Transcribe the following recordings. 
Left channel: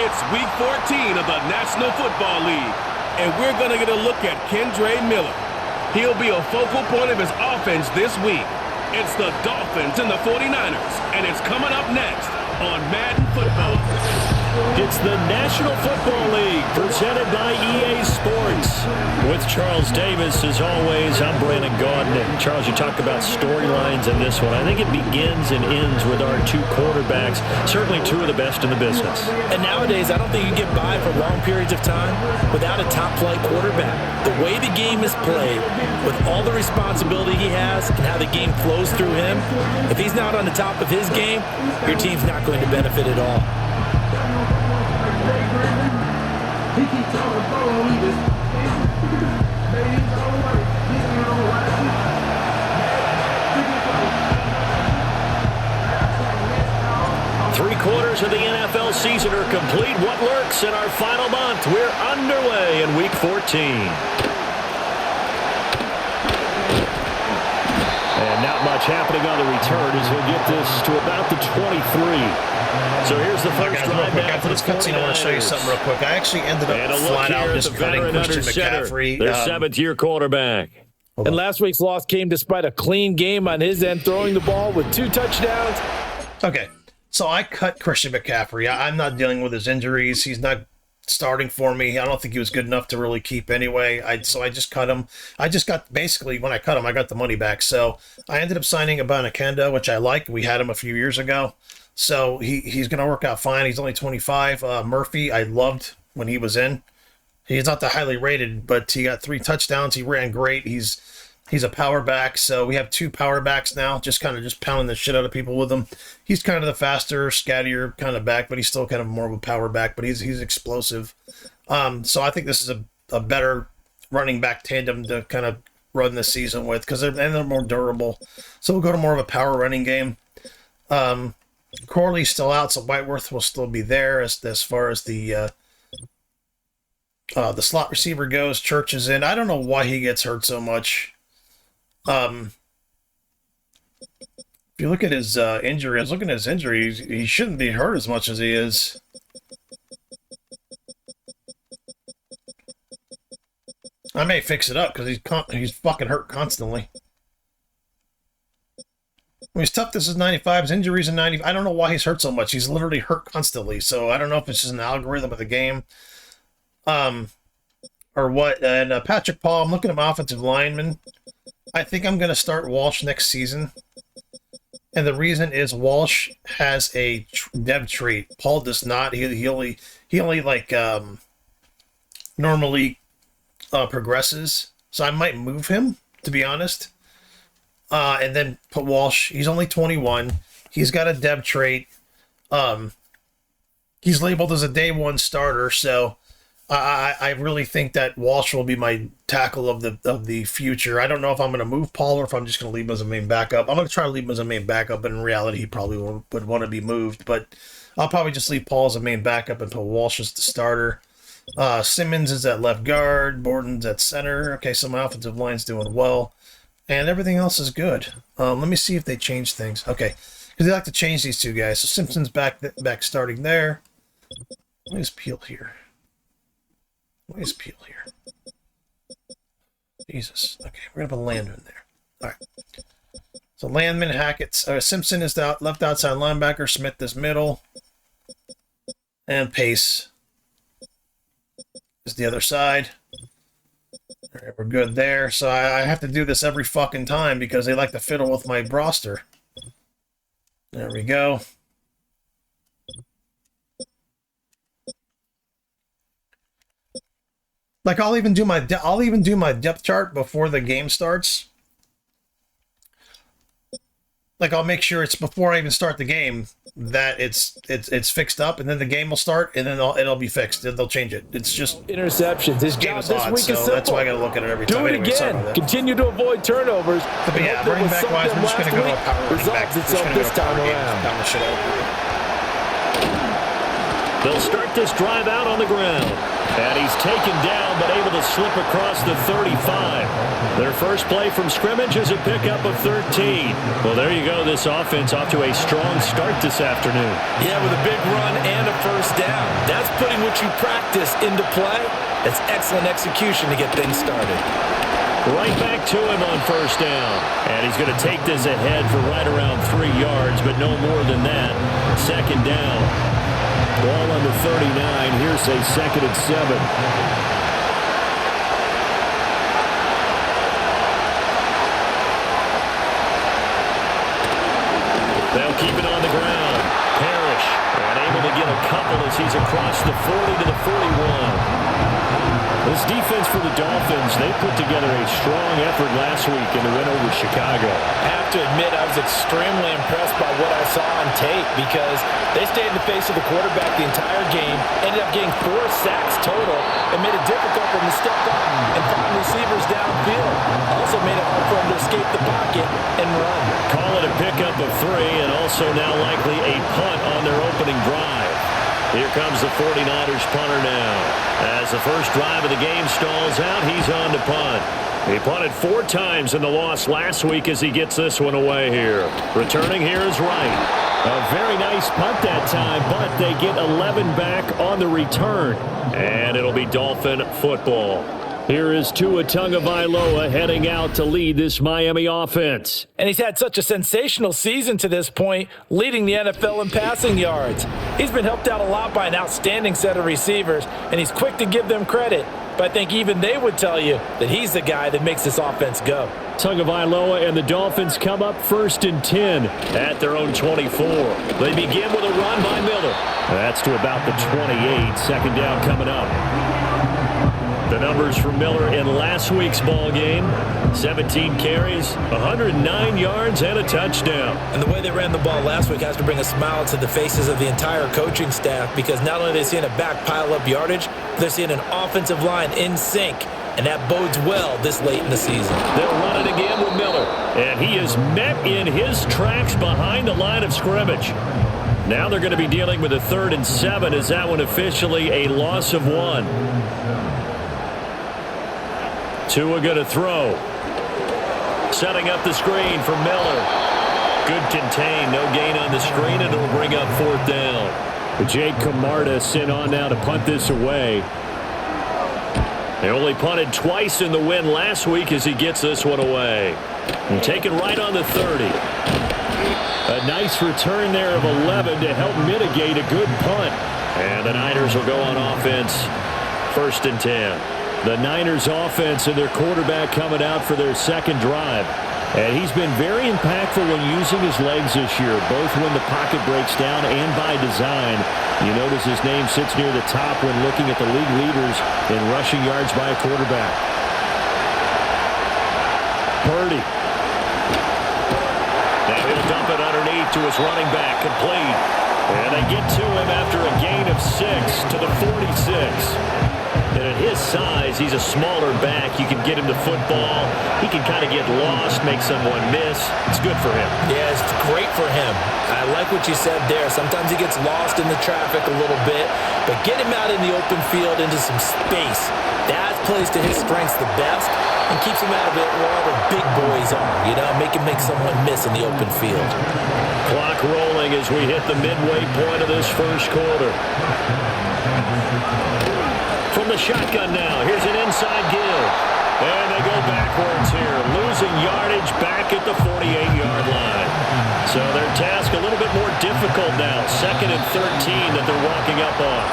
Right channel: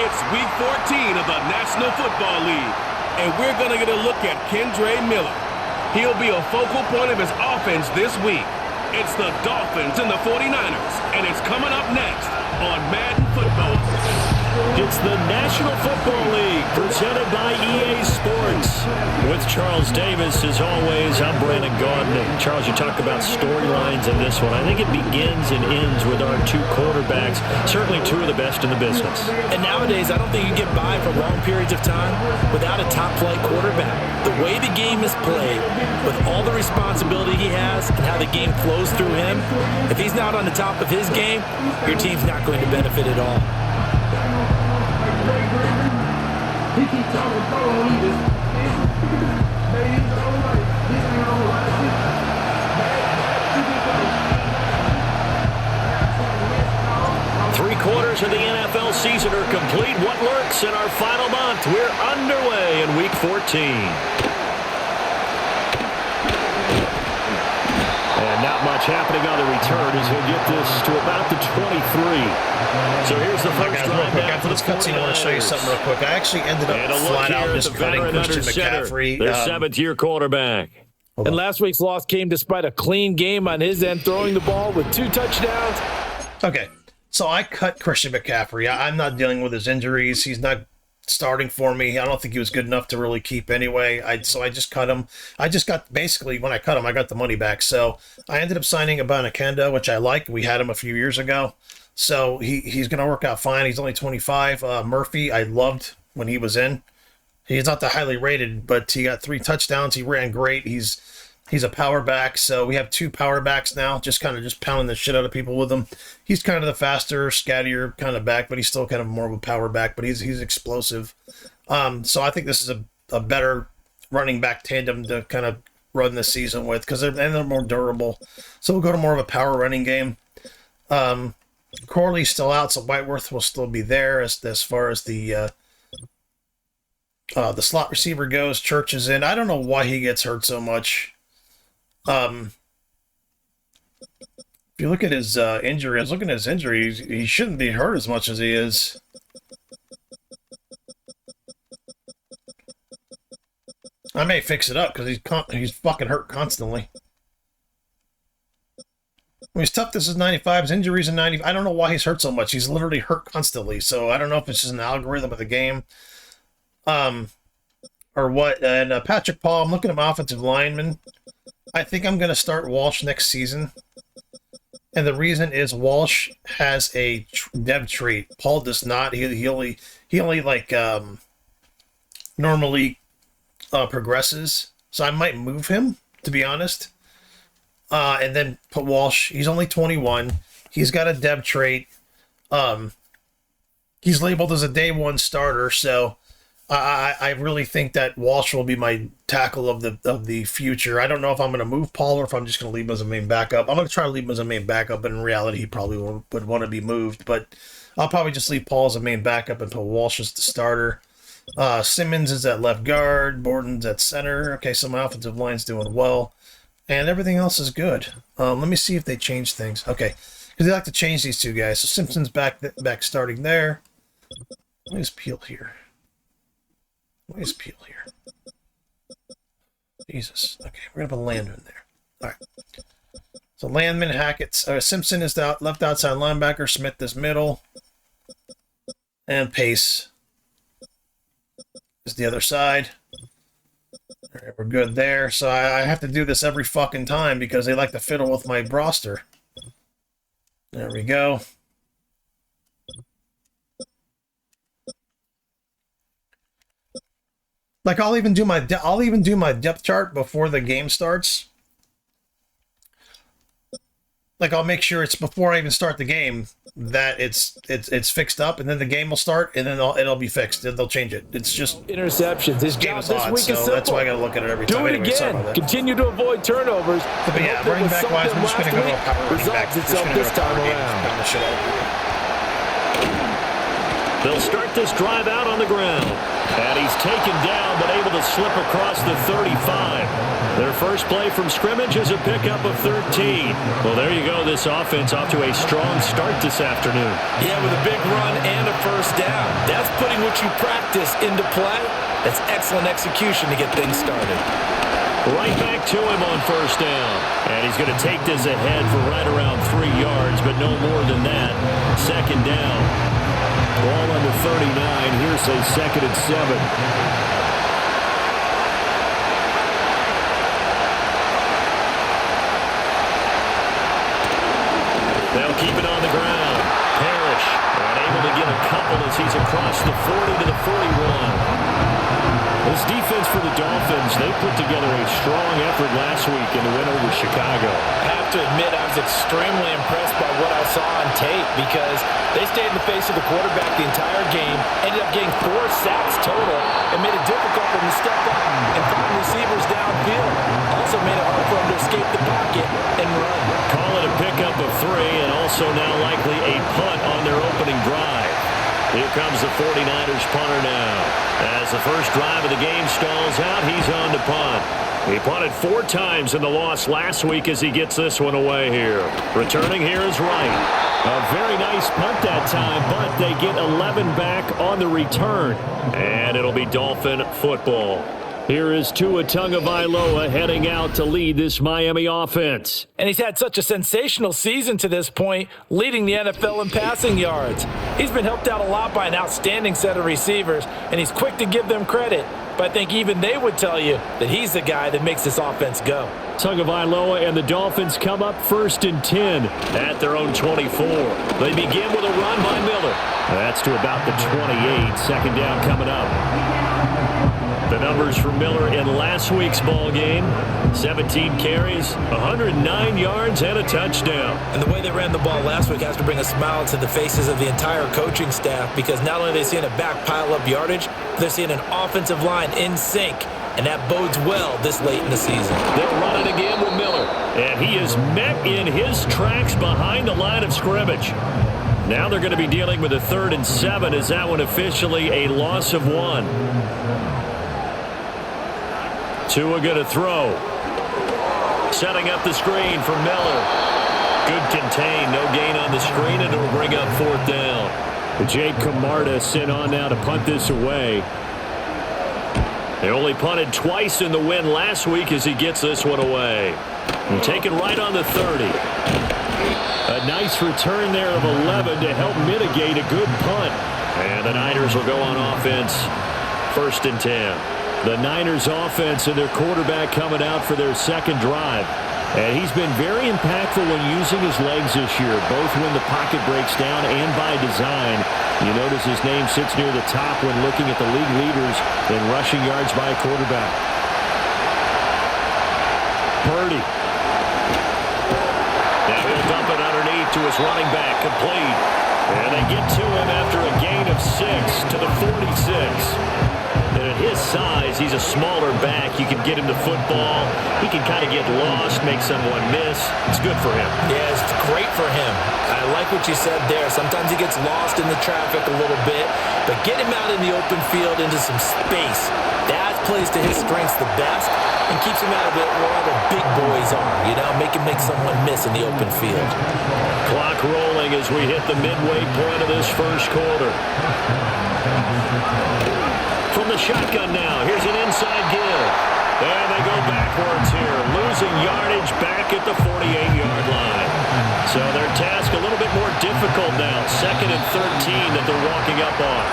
It's Week 14 of the National Football League, and we're going to get a look at Kendre Miller. He'll be a focal point of his offense this week. It's the Dolphins and the 49ers, and it's coming up next on Madden Football. It's the National Football League presented by EA Sports. With Charles Davis, as always, I'm Brandon Gaudnick. Charles, you talk about storylines in this one. I think it begins and ends with our two quarterbacks, certainly two of the best in the business. And nowadays, I don't think you get by for long periods of time without a top-flight quarterback. The way the game is played, with all the responsibility he has and how the game flows through him, if he's not on the top of his game, your team's not going to benefit at all. He keeps talking about all he just baby's all right. He's ain't all right. Bad, 3/4 of the NFL season are complete. What lurks in our final month? We're underway in Week 14. And not much happening on the return as he'll get this to about the 23. So here's the first drive now after this cutscene, I want to show you something real quick. I actually ended up flat out just cutting Christian McCaffrey. Their seventh-year quarterback. And last week's loss came despite a clean game on his end, throwing the ball with 2 touchdowns. Okay, so I cut Christian McCaffrey. I'm not dealing with his injuries. He's not starting for me. I don't think he was good enough to really keep anyway. So I just cut him. I just got, basically, when I cut him, I got the money back. So I ended up signing Abanikanda, which I like. We had him a few years ago. So he's going to work out fine. He's only 25. Murphy, I loved when he was in. He's not that highly rated, but he got 3 touchdowns. He ran great. He's a power back. So we have 2 power backs now, just pounding the shit out of people with him. He's kind of the faster, scattier kind of back, but he's still kind of more of a power back, but he's explosive. So I think this is a better running back tandem to kind of run this season with, because they're more durable. So we'll go to more of a power running game. Corley's still out, so Whiteworth will still be there as far as the slot receiver goes. Church is in. I don't know why he gets hurt so much. If you look at his injury, I was looking at his injury, he shouldn't be hurt as much as he is. I may fix it up because he's fucking hurt constantly. When his toughness is 95, his injuries are 90. I don't know why he's hurt so much. He's literally hurt constantly. So I don't know if it's just an algorithm of the game. Or what. And Patrick Paul, I'm looking at my offensive lineman. I think I'm going to start Walsh next season. And the reason is Walsh has a dev trait. Paul does not. He only like normally progresses. So I might move him, to be honest. And then put Walsh. He's only 21. He's got a dev trait. He's labeled as a day 1 starter. So I really think that Walsh will be my tackle of the future. I don't know if I'm going to move Paul or if I'm just going to leave him as a main backup. I'm going to try to leave him as a main backup, but in reality, he probably would want to be moved. But I'll probably just leave Paul as a main backup and put Walsh as the starter. Simmons is at left guard. Borden's at center. Okay, so my offensive line's doing well. And everything else is good. Let me see if they change things. Okay, because they like to change these 2 guys. So Simpson's back starting there. Let me just peel here. Jesus. Okay, we're going to put Landman there. All right. So Landman, Hackett, Simpson is the left outside linebacker. Smith is middle. And Pace is the other side. All right, we're good there. So I have to do this every fucking time because they like to fiddle with my roster. There we go. Like I'll even do my depth chart before the game starts. Like I'll make sure it's before I even start the game that it's fixed up, and then the game will start, and then it'll be fixed. They'll change it. It's just interceptions. His job this week is simple. That's why I got to look at it every time. Do it again. Continue to avoid turnovers. But yeah, running back wise, we're just going to go to a power running back. Itself this time around. They'll start this drive out on the ground. And he's taken down but able to slip across the 35. Their first play from scrimmage is a pickup of 13. Well, there you go. This offense off to a strong start this afternoon. Yeah, with a big run and a first down. That's putting what you practice into play. That's excellent execution to get things started. Right back to him on first down. And he's going to take this ahead for right around 3 yards, but no more than that. Second down. Ball on the 39. Here's a 2nd and 7. They'll keep it on the ground. Parrish, and able to get a couple as he's across the 40 to the 41. This defense for the Dolphins, they put together a strong effort last week in the win over Chicago. I have to admit, I was extremely impressed by what I saw on tape because they stayed in the face of the quarterback the entire game, ended up getting 4 sacks total, and made it difficult for him to step up and find receivers downfield. Also made it hard for him to escape the pocket and run. Call it a pickup of 3, and also now likely a punt on their opening drive. Here comes the 49ers punter now. As the first drive of the game stalls out, he's on to punt. He punted 4 times in the loss last week as he gets this one away here. Returning here is Wright. A very nice punt that time, but they get 11 back on the return. And it'll be Dolphin football. Here is Tua Tagovailoa heading out to lead this Miami offense. And he's had such a sensational season to this point, leading the NFL in passing yards. He's been helped out a lot by an outstanding set of receivers, and he's quick to give them credit. But I think even they would tell you that he's the guy that makes this offense go. Tagovailoa and the Dolphins come up 1st and 10 at their own 24. They begin with a run by Miller. That's to about the 28. Second down coming up. The numbers for Miller in last week's ball game: 17 carries, 109 yards, and a touchdown. And the way they ran the ball last week has to bring a smile to the faces of the entire coaching staff, because not only are they seeing a back pile up yardage, but they're seeing an offensive line in sync, and that bodes well this late in the season. They'll run it again with Miller, and he is met in his tracks behind the line of scrimmage. Now they're going to be dealing with a 3rd and 7 as that one officially a loss of 1. Tua going to throw. Setting up the screen for Miller. Good contain. No gain on the screen, and it'll bring up 4th down. Jake Camarda sent on now to punt this away. They only punted twice in the win last week as he gets this one away. And taken right on the 30. A nice return there of 11 to help mitigate a good punt. And the Niners will go on offense. 1st and 10. The Niners offense and their quarterback coming out for their second drive. And he's been very impactful when using his legs this year, both when the pocket breaks down and by design. You notice his name sits near the top when looking at the league leaders in rushing yards by a quarterback. Purdy. Now he'll dump it underneath to his running back, complete. And they get to him after a gain of 6 to the 46. And at his size, he's a smaller back. You can get him the football. He can kind of get lost, make someone miss. It's good for him. Yeah, it's great for him. I like what you said there. Sometimes he gets lost in the traffic a little bit, but get him out in the open field into some space. That plays to his strengths the best and keeps him out of it where all the big boys are, you know, make someone miss in the open field. Clock rolling as we hit the midway point of this first quarter. From the shotgun now, here's an inside give. And they go backwards here, losing yardage back at the 48-yard line. So their task a little bit more difficult now. 2nd and 13 that they're walking up on.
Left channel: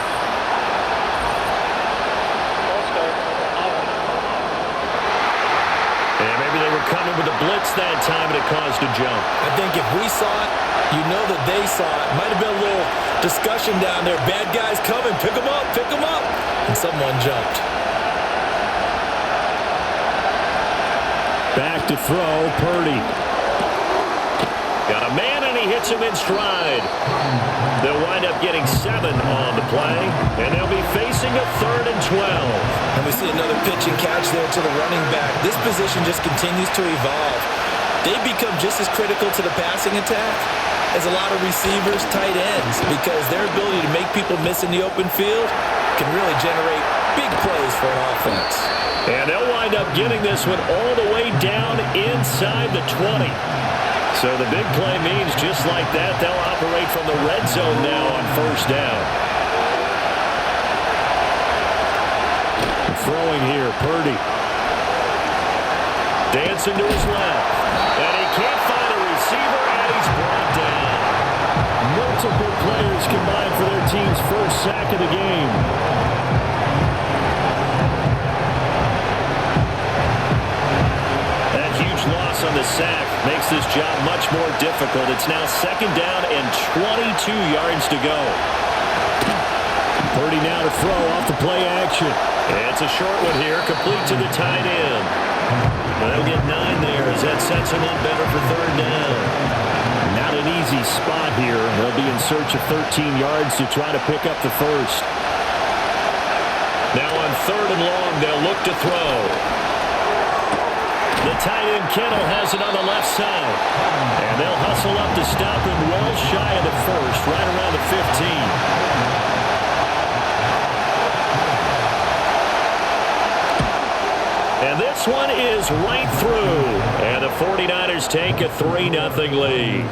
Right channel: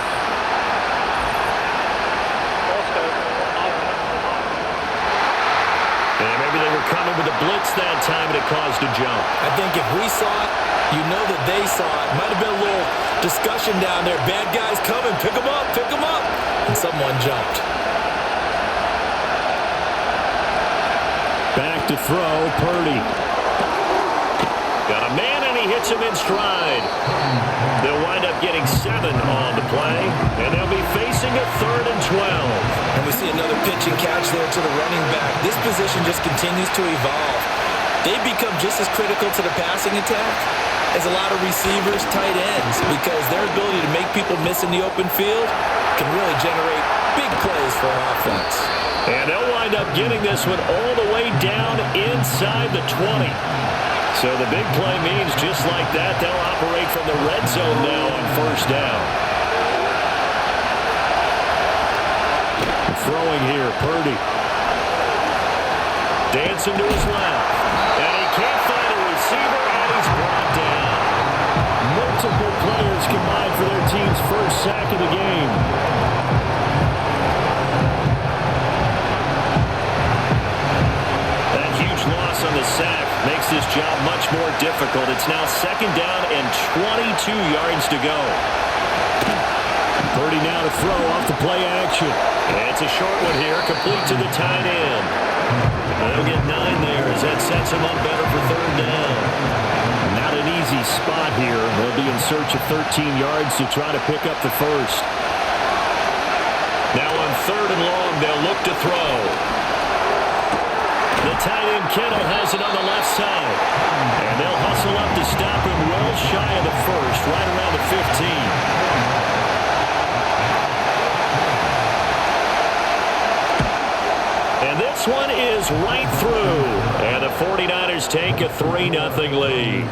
And maybe they were coming with a blitz that time and it caused a jump. I think if we saw it, you know that they saw it. Might have been a little discussion down there. Bad guys coming. Pick them up. Pick them up. And someone jumped. Back to throw, Purdy. Got a man, and he hits him in stride. They'll wind up getting 7 on the play, and they'll be facing a 3rd and 12. And we see another pitch and catch there to the running back. This position just continues to evolve. They become just as critical to the passing attack as a lot of receivers, tight ends, because their ability to make people miss in the open field can really generate big plays for an offense. And they'll wind up getting this one all the way down inside the 20. So the big play means just like that, they'll operate from the red zone now on first down. Throwing here, Purdy. Dancing to his left. And he can't find a receiver, and he's brought down. Multiple players combined for their team's first sack of the game. That huge loss on the sack makes this job much more difficult. It's now second down and 22 yards to go. Purdy now to throw off the play action. It's a short one here, complete to the tight end. They'll get 9 there as that sets them up better for third down. Not an easy spot here. They'll be in search of 13 yards to try to pick up the first. Now on third and long, they'll look to throw. The tight end Kittle has it on the left side. And they'll hustle up to stop him well shy of the first, right around the 15. And this one is right through. And the 49ers take a 3-0 lead.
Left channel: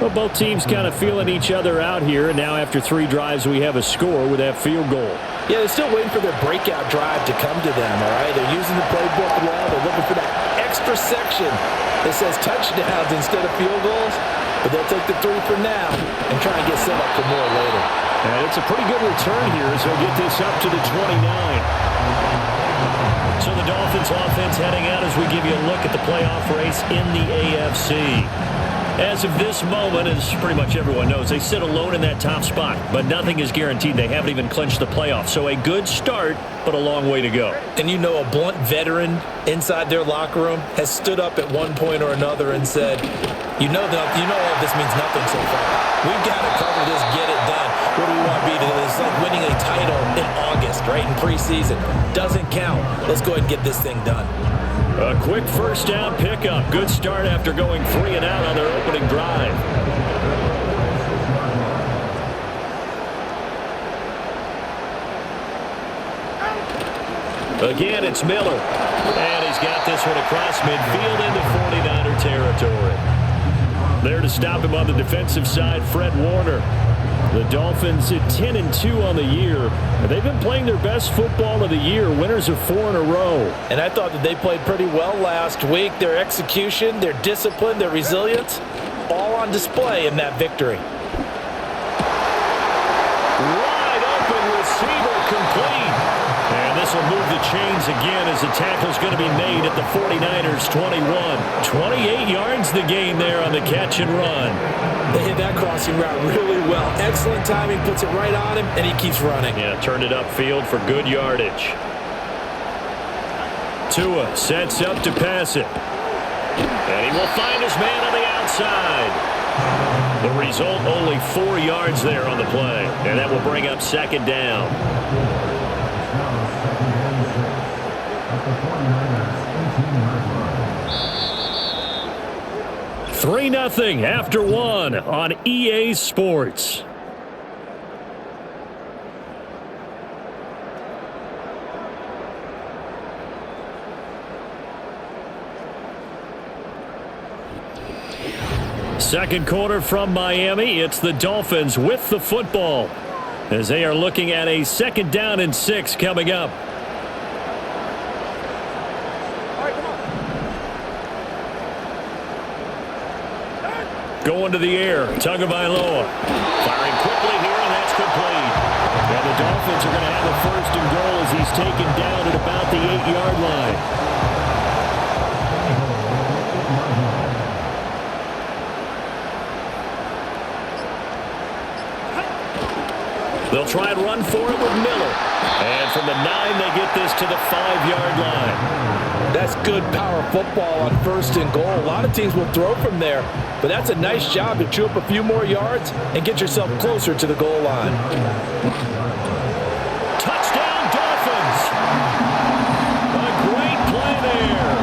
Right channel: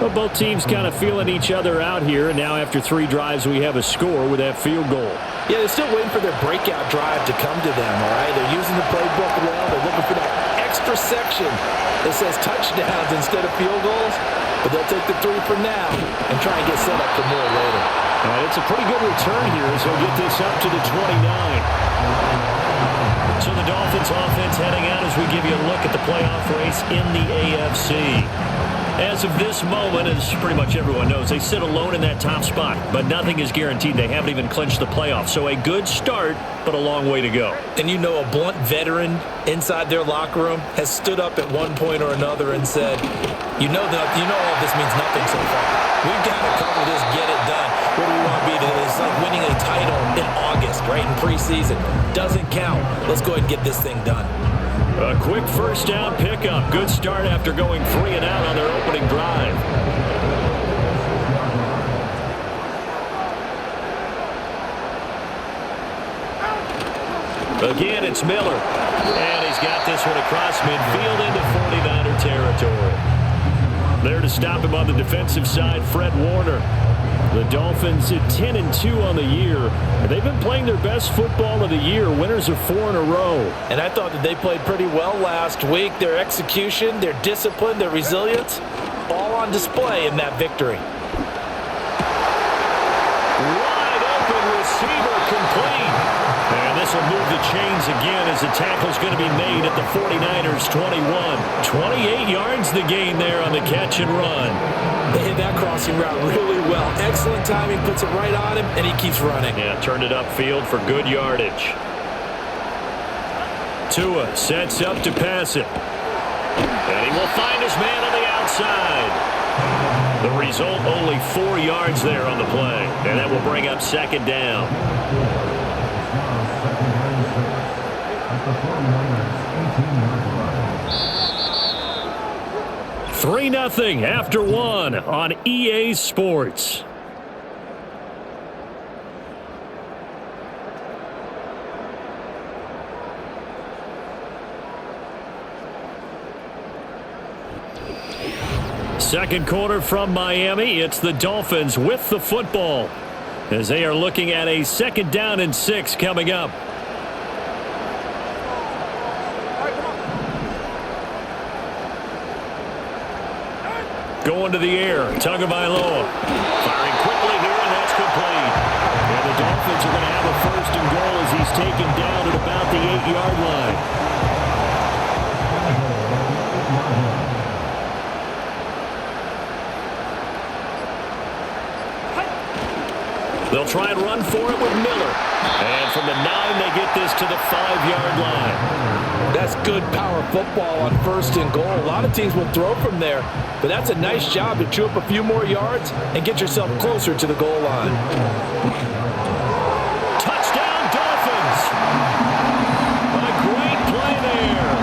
Well, both teams kind of feeling each other out here. And now after 3 drives, we have a score with that field goal. Yeah, they're still waiting for their breakout drive to come to them, all right? They're using the playbook well. They're looking for that extra section that says touchdowns instead of field goals. But they'll take the 3 for now and try and get set up for more later. And it's a pretty good return here as he'll get this up to the 29. So the Dolphins offense heading out as we give you a look at the playoff race in the AFC. As of this moment, as pretty much everyone knows, they sit alone in that top spot, but nothing is guaranteed. They haven't even clinched the playoffs. So a good start, but a long way to go. And you know, a blunt veteran inside their locker room has stood up at one point or another and said, you know all this means nothing so far. We've got to cover this, get it done. What do we want to be? It's like winning a title in August, right, in preseason. Doesn't count. Let's go ahead and get this thing done. A quick first down pickup. Good start after going 3 and out on their opening drive. Again, it's Miller. And he's got this one across midfield into 49er territory. There to stop him on the defensive side, Fred Warner. The Dolphins at 10-2 on the year. They've been playing their best football of the year, winners of 4 in a row. And I thought that they played pretty well last week. Their execution, their discipline, their resilience, all on display in that victory. Wide open receiver complete. And this will move the chains again as the tackle's going to be made at the 49ers 21. 28 yards the gain there on the catch and run. They hit that crossing route really well. Excellent timing, puts it right on him, and he keeps running. Yeah, turned it upfield for good yardage. Tua sets up to pass it. And he will find his man on the outside. The result, only 4 yards there on the play. And that will bring up second down. Now second and 6 at the 49ers 18-yard line. 3-0 after 1 on EA Sports. Second quarter from Miami. It's the Dolphins with the football as they are looking at a second down and 6 coming up. All right, come on. Going to the air, Tagovailoa. Firing quickly here, and that's complete. And the Dolphins are going to have a first and goal as he's taken down at about the 8-yard line. They'll try and run for it with Miller. And from the 9, they get this to the 5-yard line. That's good power football on first and goal. A lot of teams will throw from there, but that's a nice job to chew up a few more yards and get yourself closer to the goal line. Touchdown, Dolphins! A great play there.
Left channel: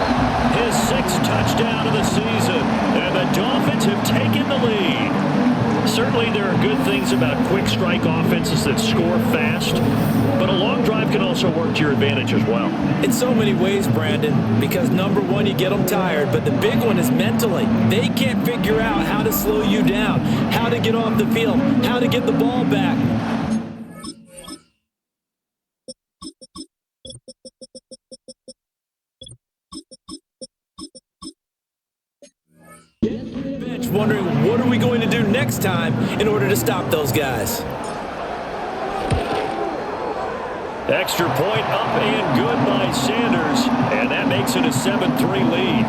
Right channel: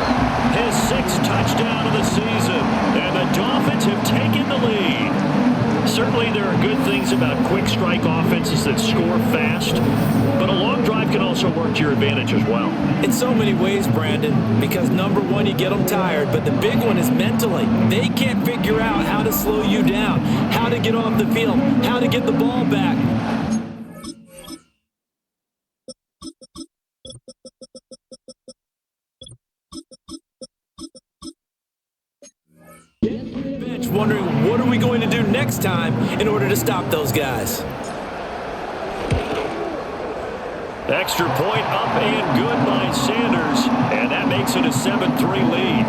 His 6th touchdown of the season. And the Dolphins have taken the lead. Certainly there are good things about quick strike offenses that score fast, but a long drive can also work to your advantage as well. In so many ways, Brandon, because number one, you get them tired, but the big one is mentally. They can't figure out how to slow you down, how to get off the field, how to get the ball back. Bench wondering what are we going to do next time in order to stop those guys. Extra point up and good by Sanders, and that makes it a 7-3 lead.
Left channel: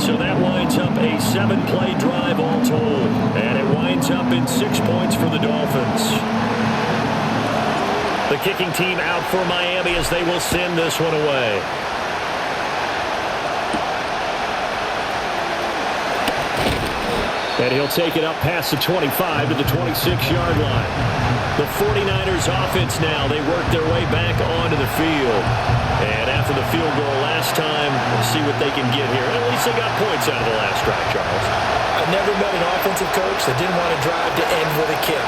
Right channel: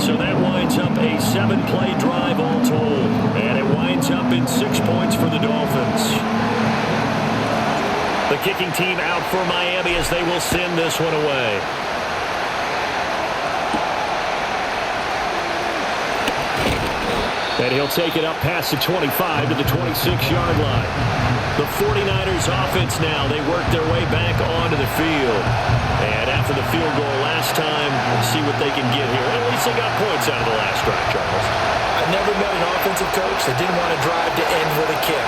So that winds up a 7-play drive all told, and it winds up in 6 points for the Dolphins. The kicking team out for Miami as they will send this one away. And he'll take it up past the 25 to the 26-yard line. The 49ers offense now, they work their way back onto the field. And after the field goal last time, we'll see what they can get here. At least they got points out of the last drive, Charles. I've never met an offensive coach that didn't want to drive to end with a kick.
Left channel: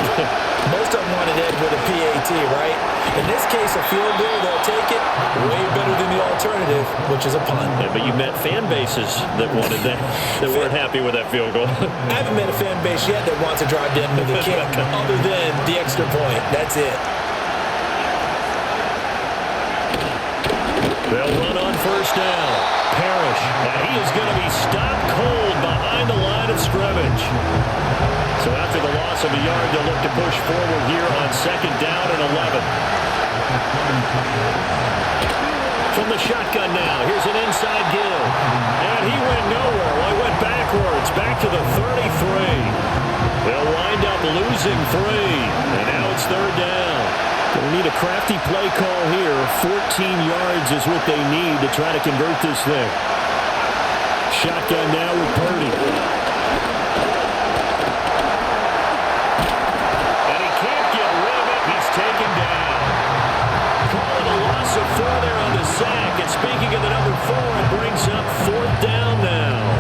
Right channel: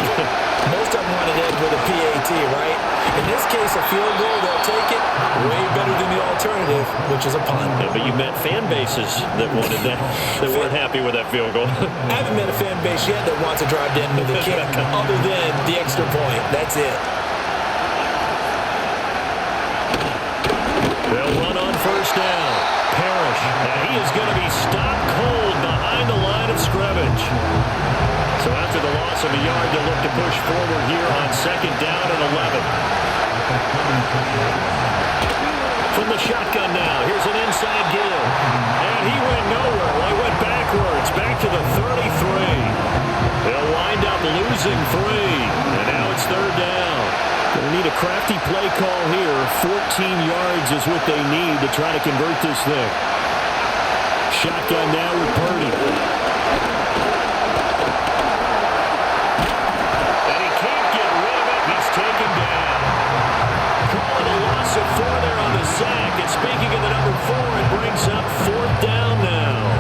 Most of them wanted to end with a PAT, right? In this case, a field goal, they'll take it. Way better than the alternative, which is a punt. Yeah, but you met fan bases that wanted that, that weren't happy with that field goal. I haven't met a fan base yet that wants to drive to end with a kick, other than the extra point. That's it. They'll run on first down. Parrish, and he is going to be stopped cold behind the line of scrimmage. So after the loss of a yard, they'll look to push forward here on second down and 11. From the shotgun now, here's an inside give. And he went nowhere. Well, he went backwards, back to the 33. They'll wind up losing 3, and now it's third down. Going to need a crafty play call here. 14 yards is what they need to try to convert this thing. Shotgun now with Purdy. And he can't get rid of it. He's taken down. Call it a loss of 4 there on the sack. And speaking of the number 4, it brings up fourth down now.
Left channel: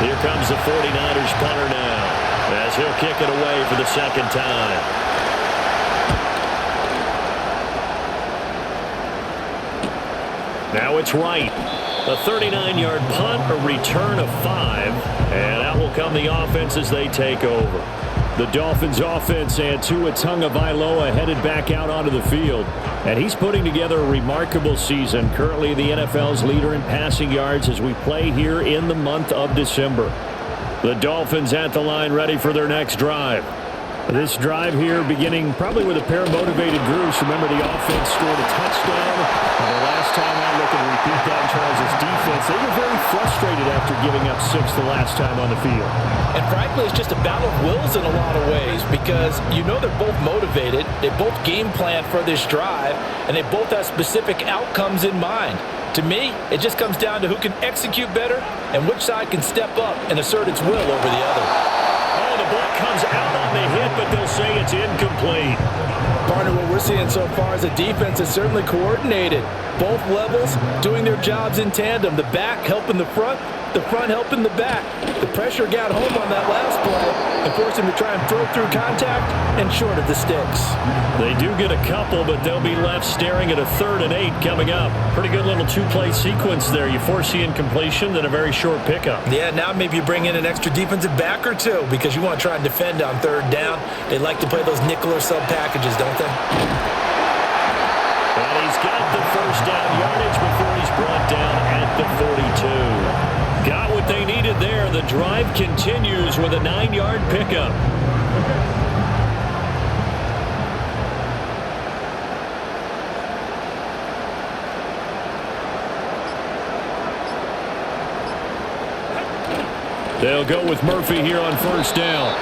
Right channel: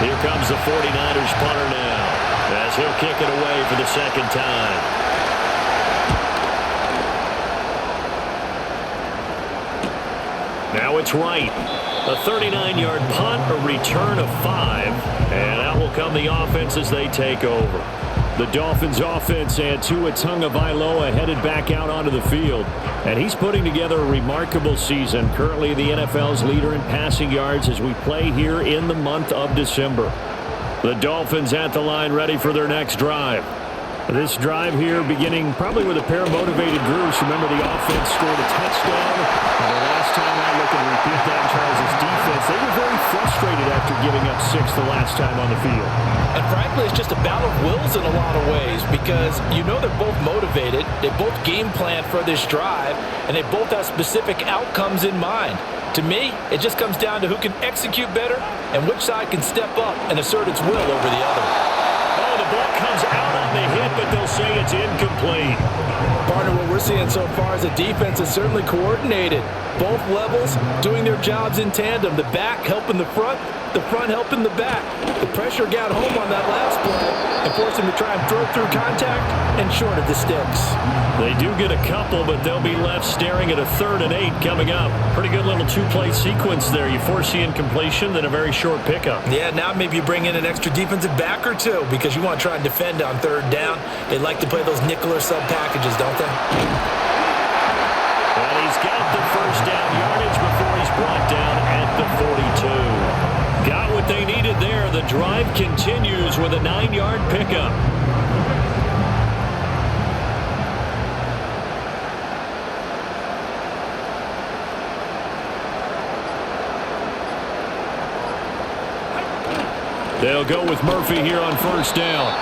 Here comes the 49ers punter now, as he'll kick it away for the second time. Now it's Wright. A 39-yard punt, a return of 5, and out will come the offense as they take over. The Dolphins offense and Tua Tagovailoa headed back out onto the field. And he's putting together a remarkable season. Currently the NFL's leader in passing yards as we play here in the month of December. The Dolphins at the line ready for their next drive. This drive here beginning probably with a pair of motivated groups. Remember, the offense scored a touchdown on their last time out. Looking to repeat that in Charles's defense. They were very frustrated after giving up 6 the last time on the field. And frankly, it's just a battle of wills in a lot of ways because you know they're both motivated. They both game plan for this drive, and they both have specific outcomes in mind. To me, it just comes down to who can execute better and which side can step up and assert its will over the other. Oh, the ball comes out on the hit, but they'll say it's incomplete. Partner, what we're seeing so far is the defense is certainly coordinated. Both levels doing their jobs in tandem. The back helping the front helping the back. The pressure got home on that last play and forced him to try and throw through contact and short of the sticks. They do get a couple, but they'll be left staring at a 3rd and 8 coming up. Pretty good little 2-play sequence there. You force the incompletion, then a very short pickup. Yeah, now maybe you bring in an extra defensive back or 2 because you want to try and defend on 3rd down. They like to play those nickel or sub packages, don't they? And he's got the first down yardage before he's brought down at the 42. Got what they needed there. The drive continues with a 9-yard pickup. They'll go with Murphy here on first down.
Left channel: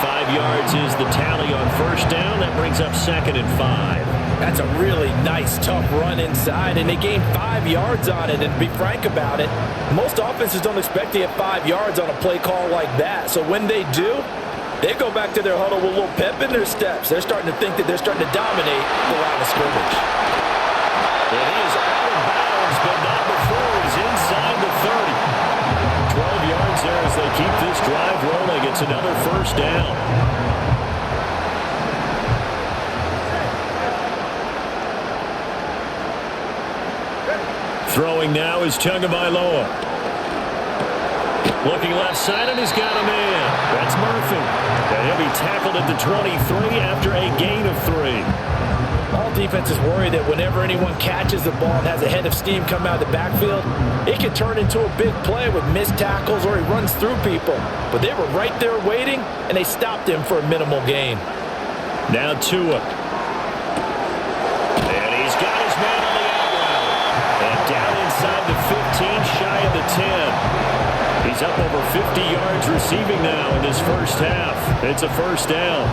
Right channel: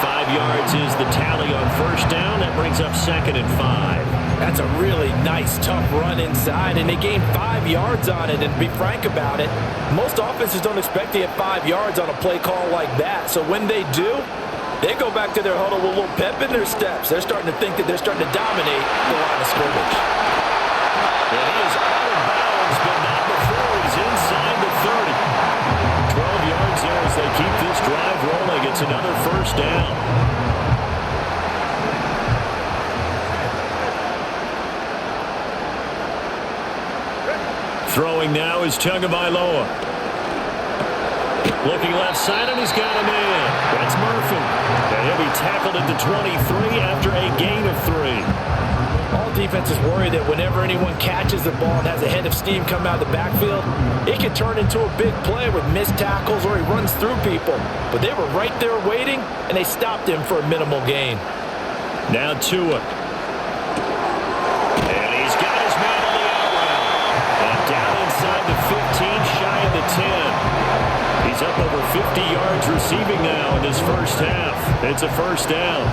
5 yards is the tally on first down. That brings up 2nd and 5. That's a really nice, tough run inside, and they gained 5 yards on it. And to be frank about it, most offenses don't expect to get 5 yards on a play call like that. So when they do, they go back to their huddle with a little pep in their steps. They're starting to think that they're starting to dominate the line of scrimmage. And he is out of bounds, but not before as they keep this drive rolling. It's another first down. Throwing now is Tagovailoa. Looking left side, and he's got a man. That's Murphy. And he'll be tackled at the 23 after a gain of 3. All defenses worry that whenever anyone catches the ball and has a head of steam come out of the backfield, it can turn into a big play with missed tackles or he runs through people. But they were right there waiting, and they stopped him for a minimal gain. Now Tua. And he's got his man on the out route. And down inside the 15, shy of the 10. He's up over 50 yards receiving now in this first half. It's a first down.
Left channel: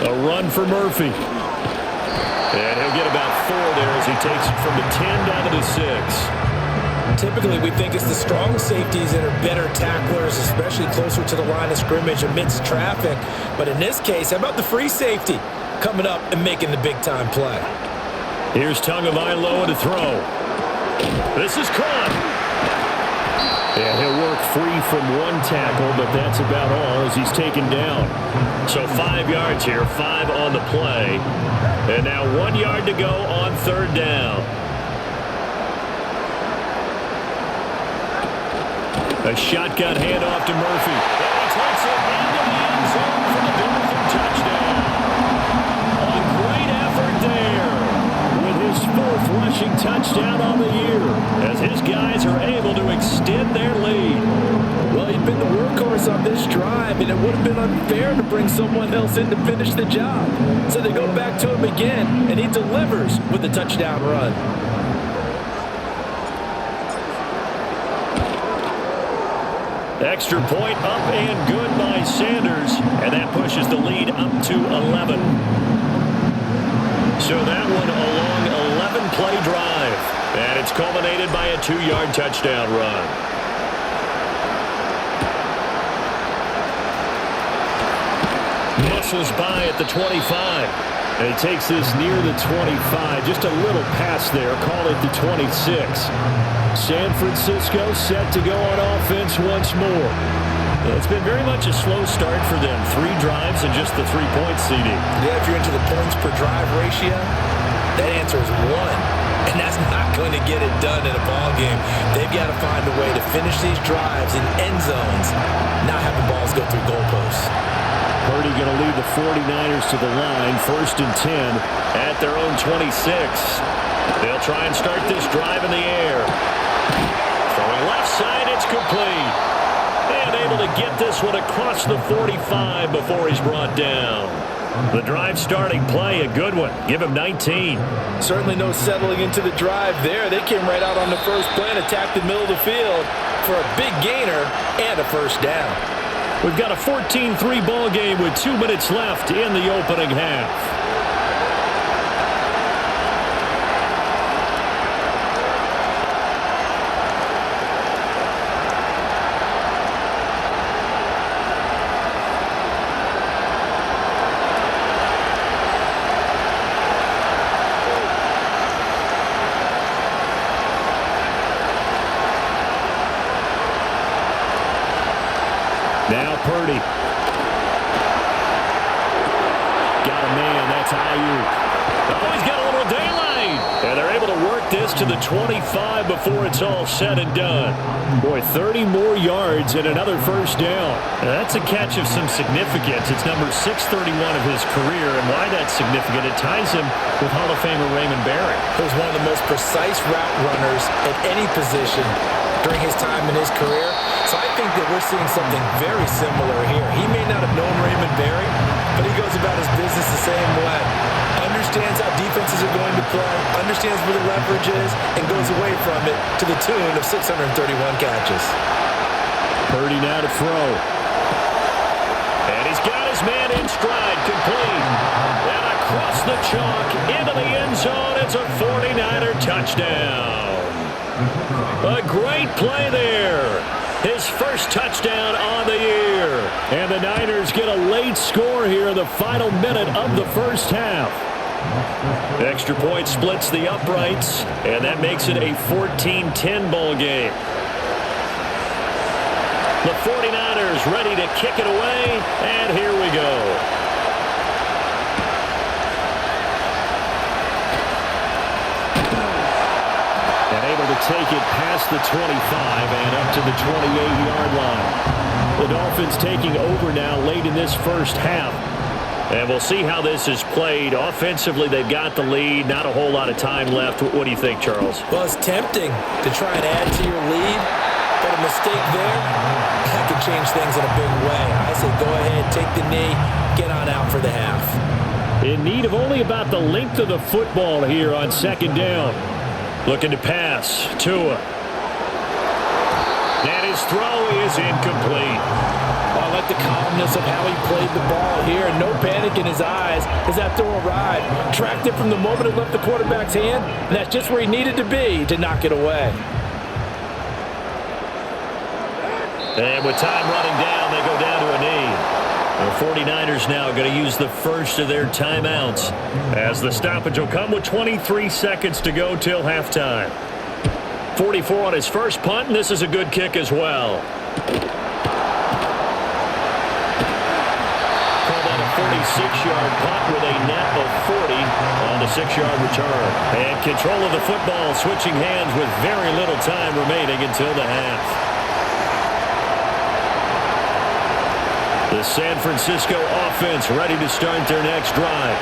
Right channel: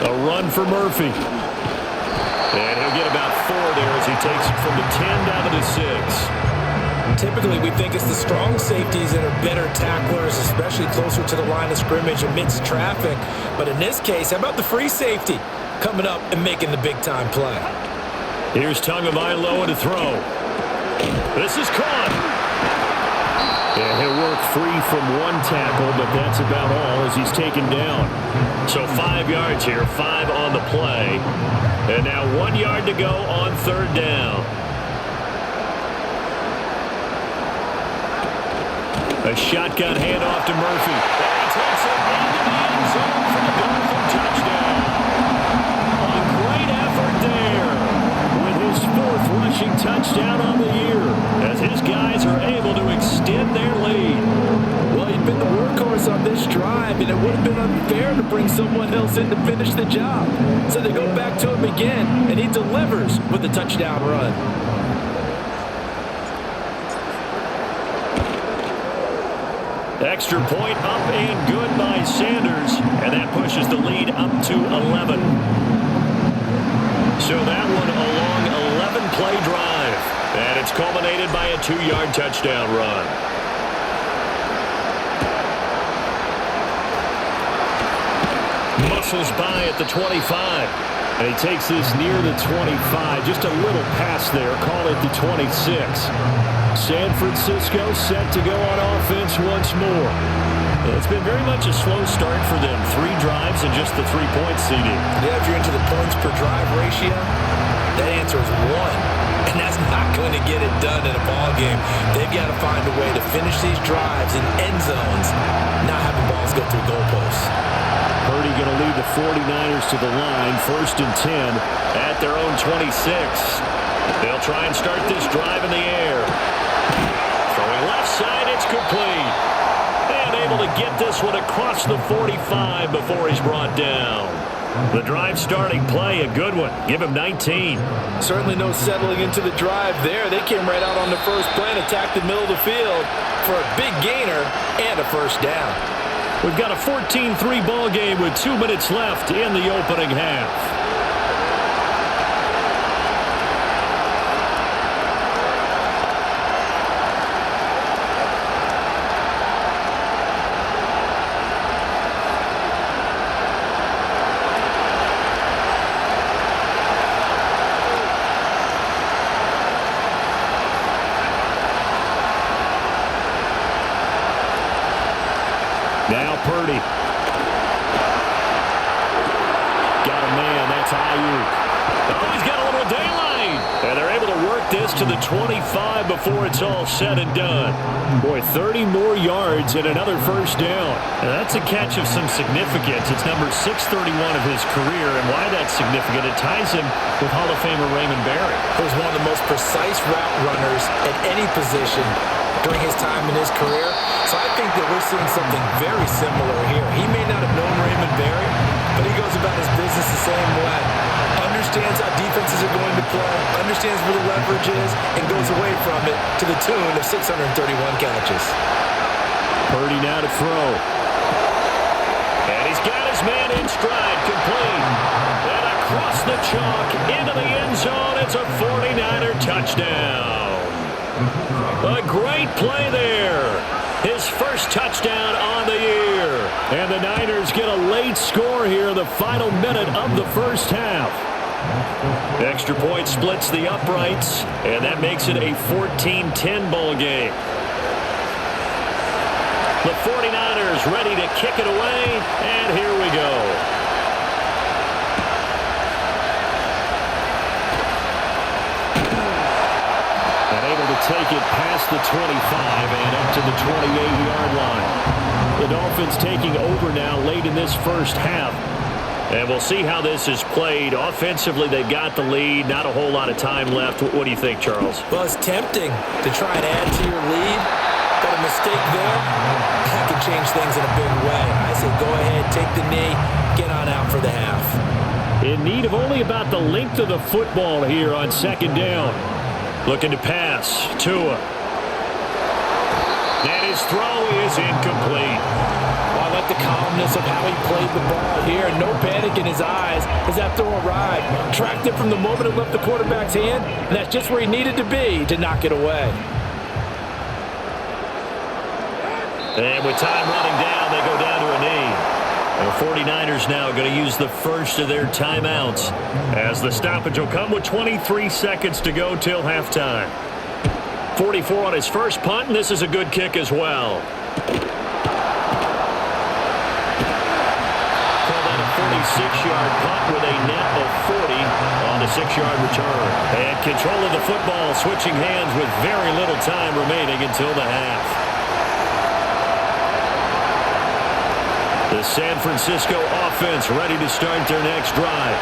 A run for Murphy. And he'll get about 4 there as he takes it from the 10 down to the 6. Typically, we think it's the strong safeties that are better tacklers, especially closer to the line of scrimmage amidst traffic. But in this case, how about the free safety coming up and making the big-time play? Here's Tagovailoa to throw. This is caught. And he'll work free from one tackle, but that's about all as he's taken down. So 5 yards here, 5 on the play. And now 1 yard to go on third down. A shotgun handoff to Murphy. And he takes it into the end zone for the Dolphin touchdown. A great effort there with his 4th rushing touchdown on the year as his guys are able to extend their lead. Well, he'd been the workhorse on this drive, and it would have been unfair to bring someone else in to finish the job. So they go back to him again, and he delivers with a touchdown run. Extra point up and good by Sanders, and that pushes the lead up to 11. So that one a long 11-play drive, and it's culminated by a 2-yard touchdown run. Muscles by at the 25. And he takes this near the 25. Just a little pass there. Call it the 26. San Francisco set to go on offense once more. It's been very much a slow start for them. 3 drives and just the 3-point CD. Yeah, if you're into the points per drive ratio, that answer is 1. And that's not going to get it done in a ball game. They've got to find a way to finish these drives in end zones, not have the balls go through goalposts. Purdy going to lead the 49ers to the line, 1st and 10 at their own 26. They'll try and start this drive in the air. Throwing left side, it's complete. And able to get this one across the 45 before he's brought down. The drive starting play, a good one. Give him 19. Certainly no settling into the drive there. They came right out on the first play and attacked the middle of the field for a big gainer and a first down. We've got a 14-3 ball game with 2 minutes left in the opening half. Now Purdy. Got a man. That's Ayuk. Oh, he's got a little daylight. And they're able to work this to the 25 before it's all said and done. Boy, 30 more yards and another first down. Now, that's a catch of some significance. It's number 631 of his career. And why that's significant, it ties him with Hall of Famer Raymond Barry, who's one of the most precise route runners at any position during his time in his career. So I think that we're seeing something very similar here. He may not have known Raymond Barry, but he goes about his business the same way. Understands how defenses are going to play, understands where the leverage is, and goes away from it to the tune of 631 catches. Purdy now to throw. And he's got his man in stride, complete. And across the chalk, into the end zone, it's a 49er touchdown. A great play there. His first touchdown on the year. And the Niners get a late score here in the final minute of the first half. Extra point splits the uprights, and that makes it a 14-10 ball game. The 49ers ready to kick it away, and here we go. And able to take it past the 25 and up to the 28-yard line. The Dolphins taking over now late in this first half. And we'll see how this is played. Offensively, they've got the lead. Not a whole lot of time left. What do you think, Charles? Well, it's tempting to try and add to your lead, but a mistake there, that could change things in a big way. I say go ahead, take the knee, get on out for the half. In need of only about the length of the football here on second down. Looking to pass. Tua. And his throw is incomplete. Well, I like the calmness of how he played the ball here. No panic in his eyes as that throw arrived. Tracked it from the moment it left the quarterback's hand, and that's just where he needed to be to knock it away. And with time running down, they go down to a knee. The 49ers now going to use the first of their timeouts as the stoppage will come with 23 seconds to go till halftime. 44 on his first punt, and this is a good kick as well. Call that a 46-yard punt with a net of 40 on the 6-yard return. And control of the football switching hands with very little time remaining until the half. The San Francisco offense ready to start their next drive.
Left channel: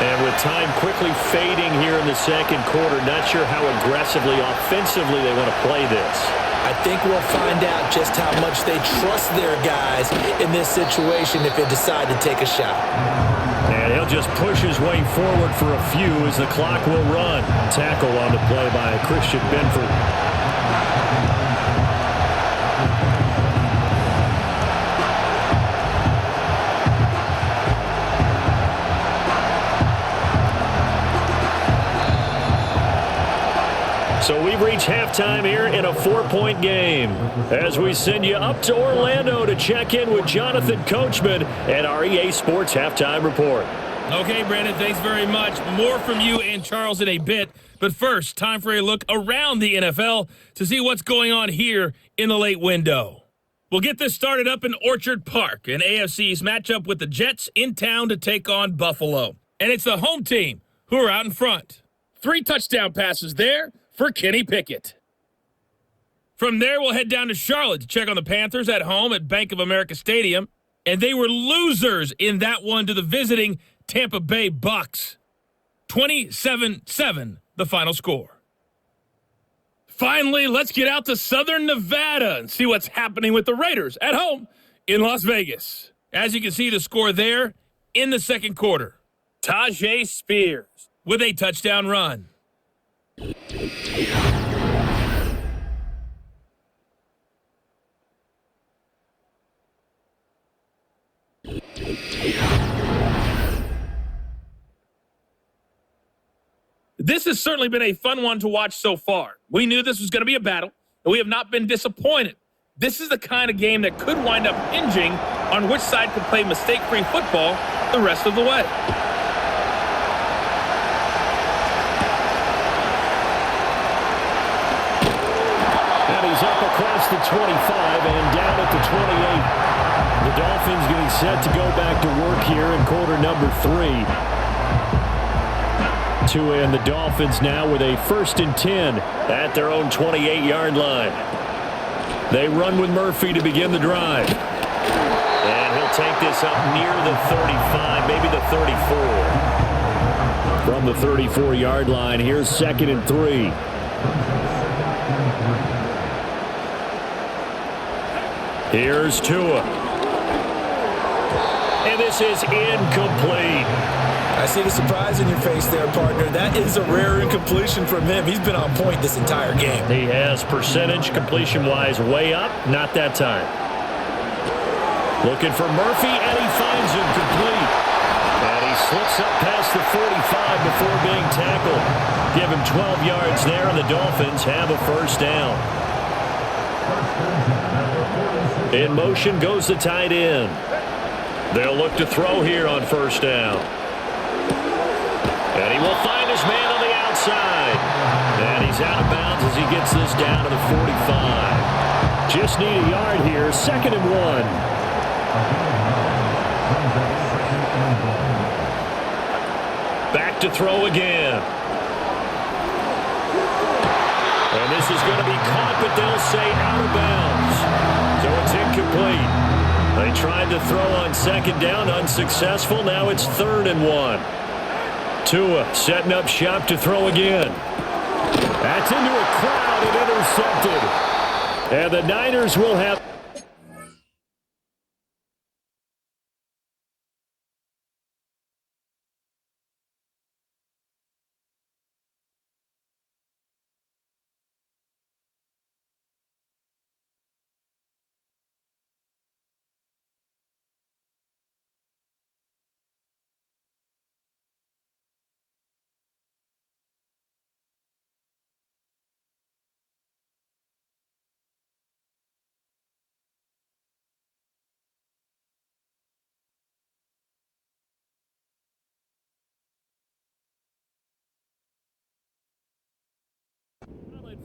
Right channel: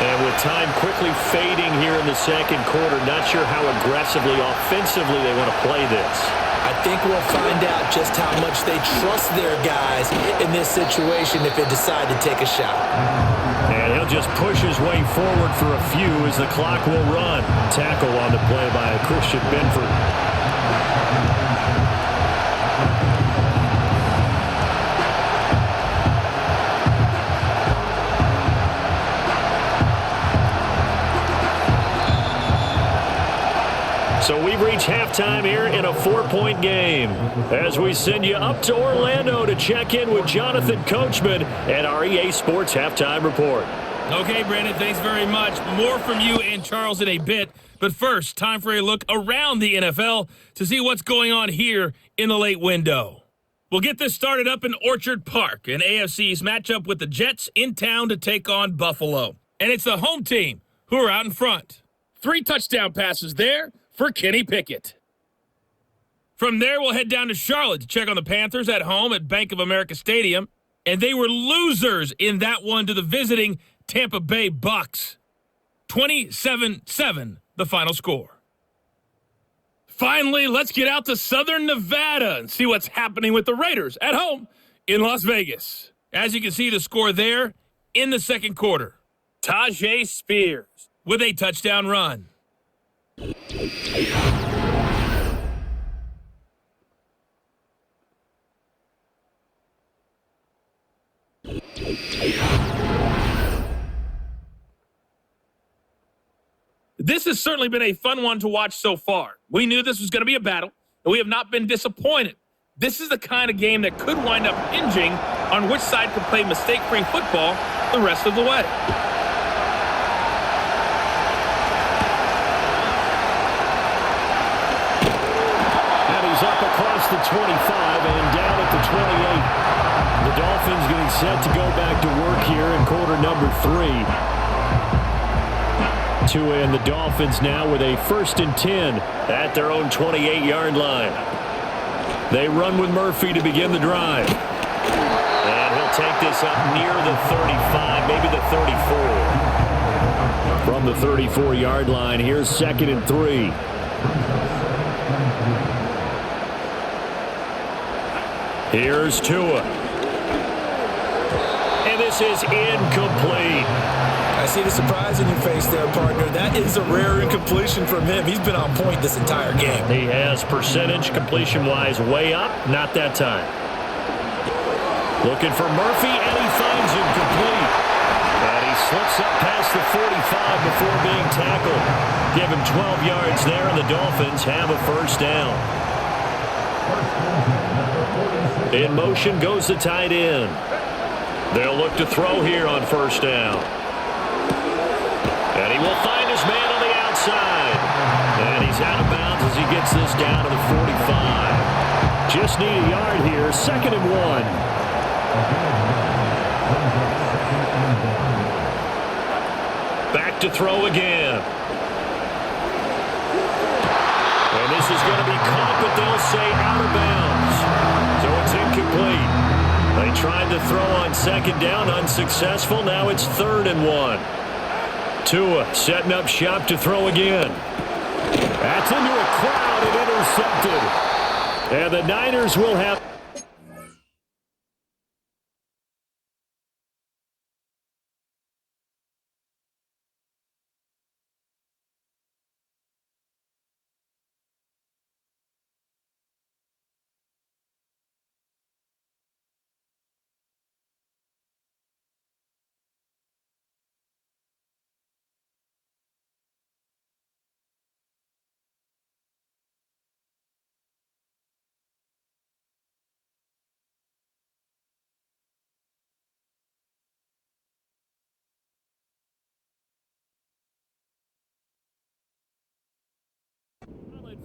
And with time quickly fading here in the second quarter, not sure how aggressively, offensively they want to play this. I think we'll find out just how much they trust their guys in this situation if they decide to take a shot. And he'll just push his way forward for a few as the clock will run. Tackle on the play by Christian Benford. So we've reached halftime here in a 4-point game as we send you up to Orlando to check in with Jonathan Coachman and our EA Sports Halftime Report. Okay, Brandon, thanks very much. More from you and Charles in a bit. But first, time for a look around the NFL to see what's going on here in the late window. We'll get this started up in Orchard Park, an AFC's matchup with the Jets in town to take on Buffalo. And it's the home team who are out in front. 3 touchdown passes there for Kenny Pickett. From there, we'll head down to Charlotte to check on the Panthers at home at Bank of America Stadium. And they were losers in that one to the visiting Tampa Bay Bucks. 27-7, the final score. Finally, let's get out to Southern Nevada and see what's happening with the Raiders at home in Las Vegas. As you can see, the score there in the second quarter. Tajay Spears with a touchdown run. This has certainly been a fun one to watch so far. We knew this was going to be a battle, and we have not been disappointed. This is the kind of game that could wind up hinging on which side can play mistake-free football the rest of the way. And he's up across the 25 and down at the 28. The Dolphins getting set to go back to work here in quarter number 3. Tua and the Dolphins now with a 1st and 10 at their own 28-yard line. They run with Murphy to begin the drive. And he'll take this up near the 35, maybe the 34. From the 34-yard line, here's 2nd and 3. Here's Tua. And this is incomplete. I see the surprise in your face there, partner. That is a rare incompletion from him. He's been on point this entire game. He has percentage completion-wise way up. Not that time. Looking for Murphy, and he finds him complete. And he slips up past the 45 before being tackled. Give him 12 yards there, and the Dolphins have a 1st down. In motion goes the tight end. They'll look to throw here on 1st down. And he will find his man on the outside. And he's out of bounds as he gets this down to the 45. Just need a yard here. 2nd and 1. Back to throw again. And this is going to be caught, but they'll say out of bounds. So it's incomplete. They tried to throw on 2nd down, unsuccessful. Now it's 3rd and 1. Tua setting up shop to throw again. That's into a crowd and intercepted. And the Niners will have...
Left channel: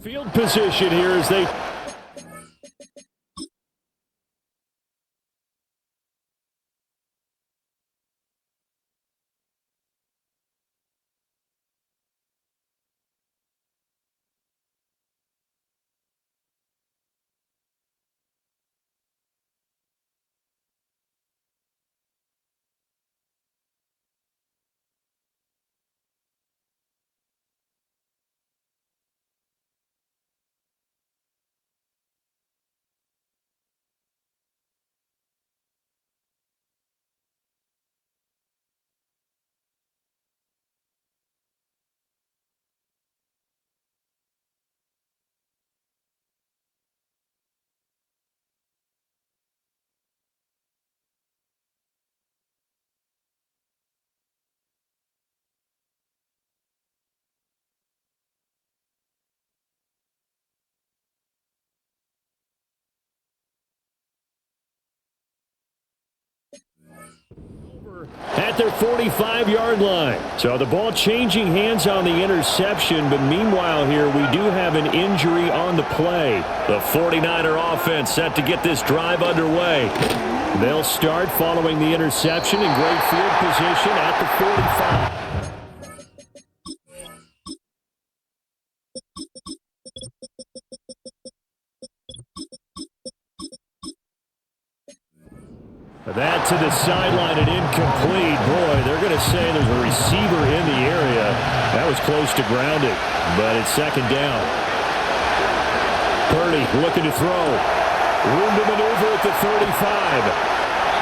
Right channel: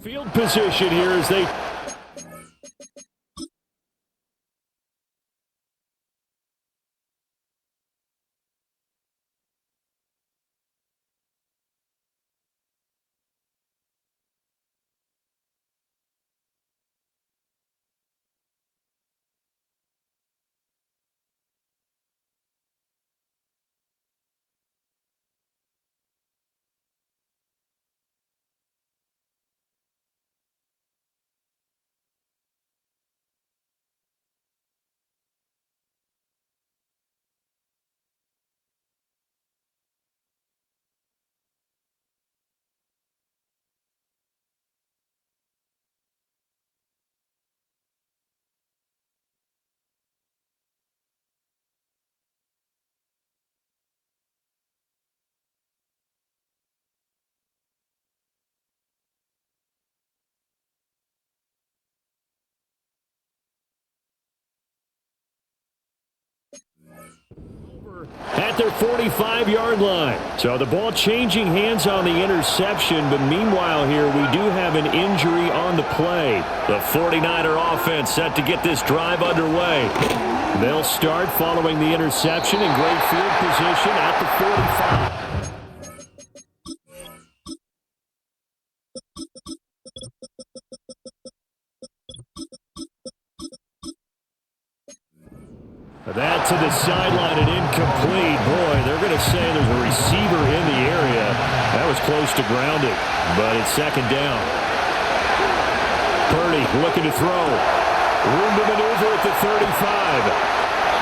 Field position here as they... at their 45-yard line. So the ball changing hands on the interception, but meanwhile here we do have an injury on the play. The 49er offense set to get this drive underway. They'll start following the interception in great field position at the 45. That to the sideline and incomplete. Boy, they're going to say there's a receiver in the area. That was close to grounding, but it's 2nd down. Purdy looking to throw. Room to maneuver at the 35.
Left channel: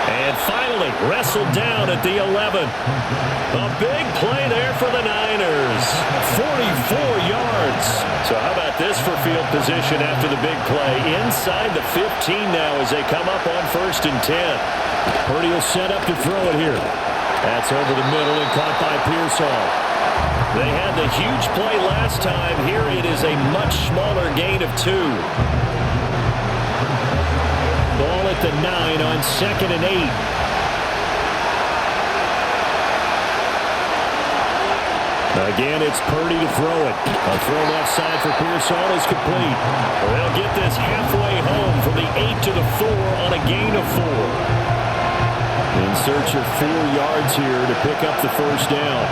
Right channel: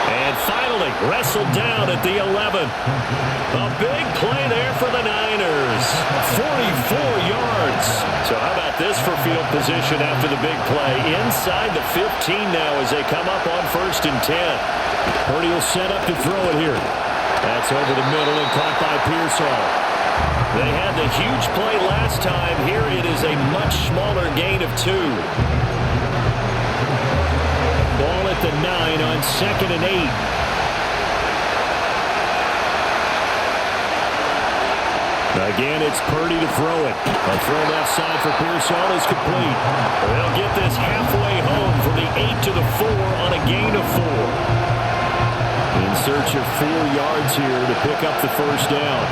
And finally wrestled down at the 11. A big play there for the Niners. 44 yards. So how about this for field position after the big play? Inside the 15 now as they come up on 1st and 10. Purdy will set up to throw it here. That's over the middle and caught by Pearsall. They had the huge play last time. Here it is a much smaller gain of 2. Ball at the 9 on 2nd and 8. Again, it's Purdy to throw it. A throw left side for Pearsall is complete. They'll get this halfway home from the 8 to the 4 on a gain of 4. In search of 4 yards here to pick up the 1st down.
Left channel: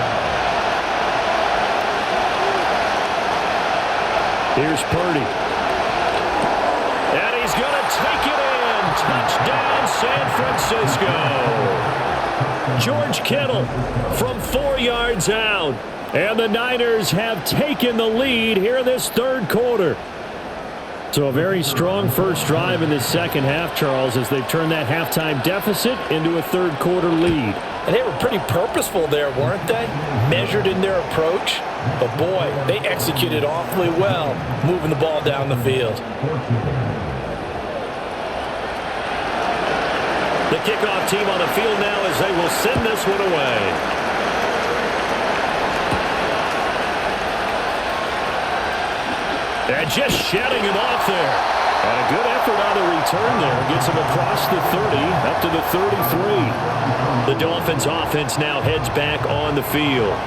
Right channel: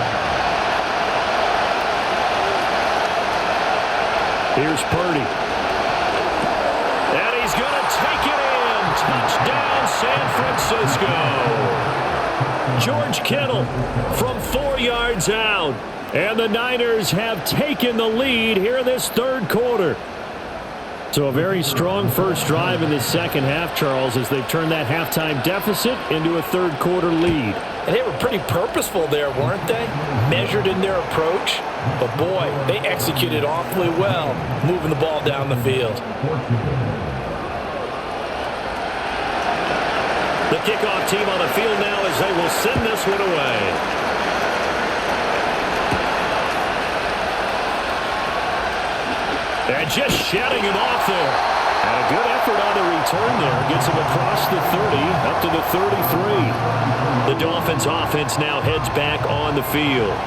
Here's Purdy. And he's going to take it in. Touchdown, San Francisco. George Kittle from 4 yards out. And the Niners have taken the lead here in this 3rd quarter. So a very strong first drive in the second half, Charles, as they've turned that halftime deficit into a 3rd quarter lead. And they were pretty purposeful there, weren't they? Measured in their approach. But boy, they executed awfully well, moving the ball down the field. The kickoff team on the field now as they will send this one away. And just shedding him off there. And a good effort on the return there. Gets him across the 30, up to the 33. The Dolphins offense now heads back on the field.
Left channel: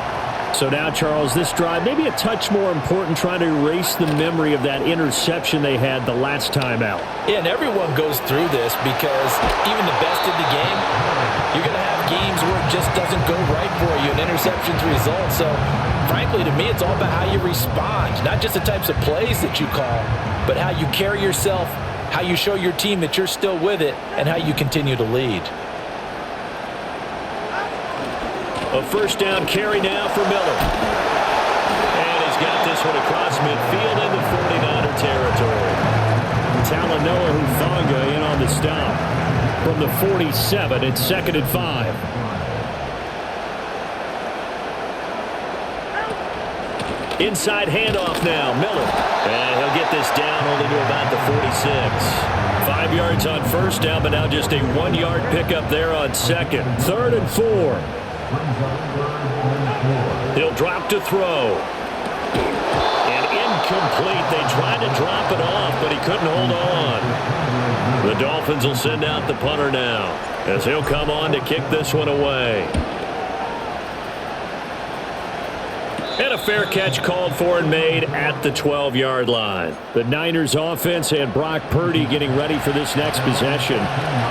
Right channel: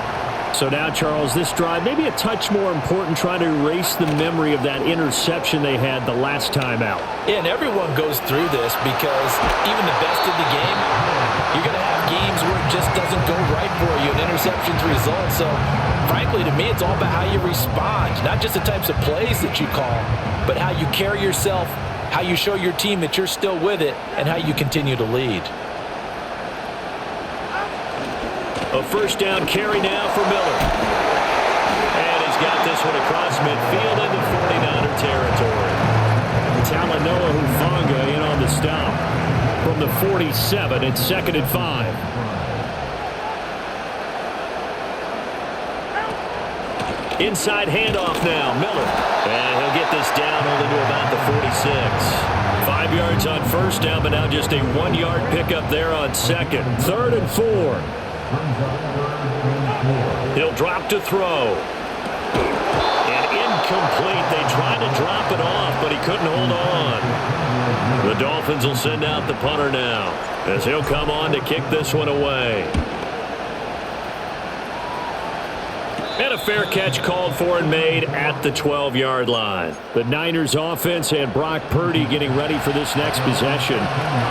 So now, Charles, this drive maybe a touch more important, trying to erase the memory of that interception they had the last time out. Yeah, and everyone goes through this because even the best of the game, you're going to have games where it just doesn't go right for you, and interceptions result. So, frankly, to me, it's all about how you respond, not just the types of plays that you call, but how you carry yourself, how you show your team that you're still with it, and how you continue to lead. A first down carry now for Miller. And he's got this one across midfield into 49er territory. Talanoa Hufanga in on the stop. From the 47, it's 2nd and 5. Inside handoff now, Miller. And he'll get this down only to about the 46. 5 yards on first down, but now just a 1-yard pickup there on second. 3rd and 4. Brings up 3rd and 4. He'll drop to throw. And incomplete. They tried to drop it off, but he couldn't hold on. The Dolphins will send out the punter now, as he'll come on to kick this one away. And a fair catch called for and made at the 12-yard line. The Niners offense and Brock Purdy getting ready for this next possession.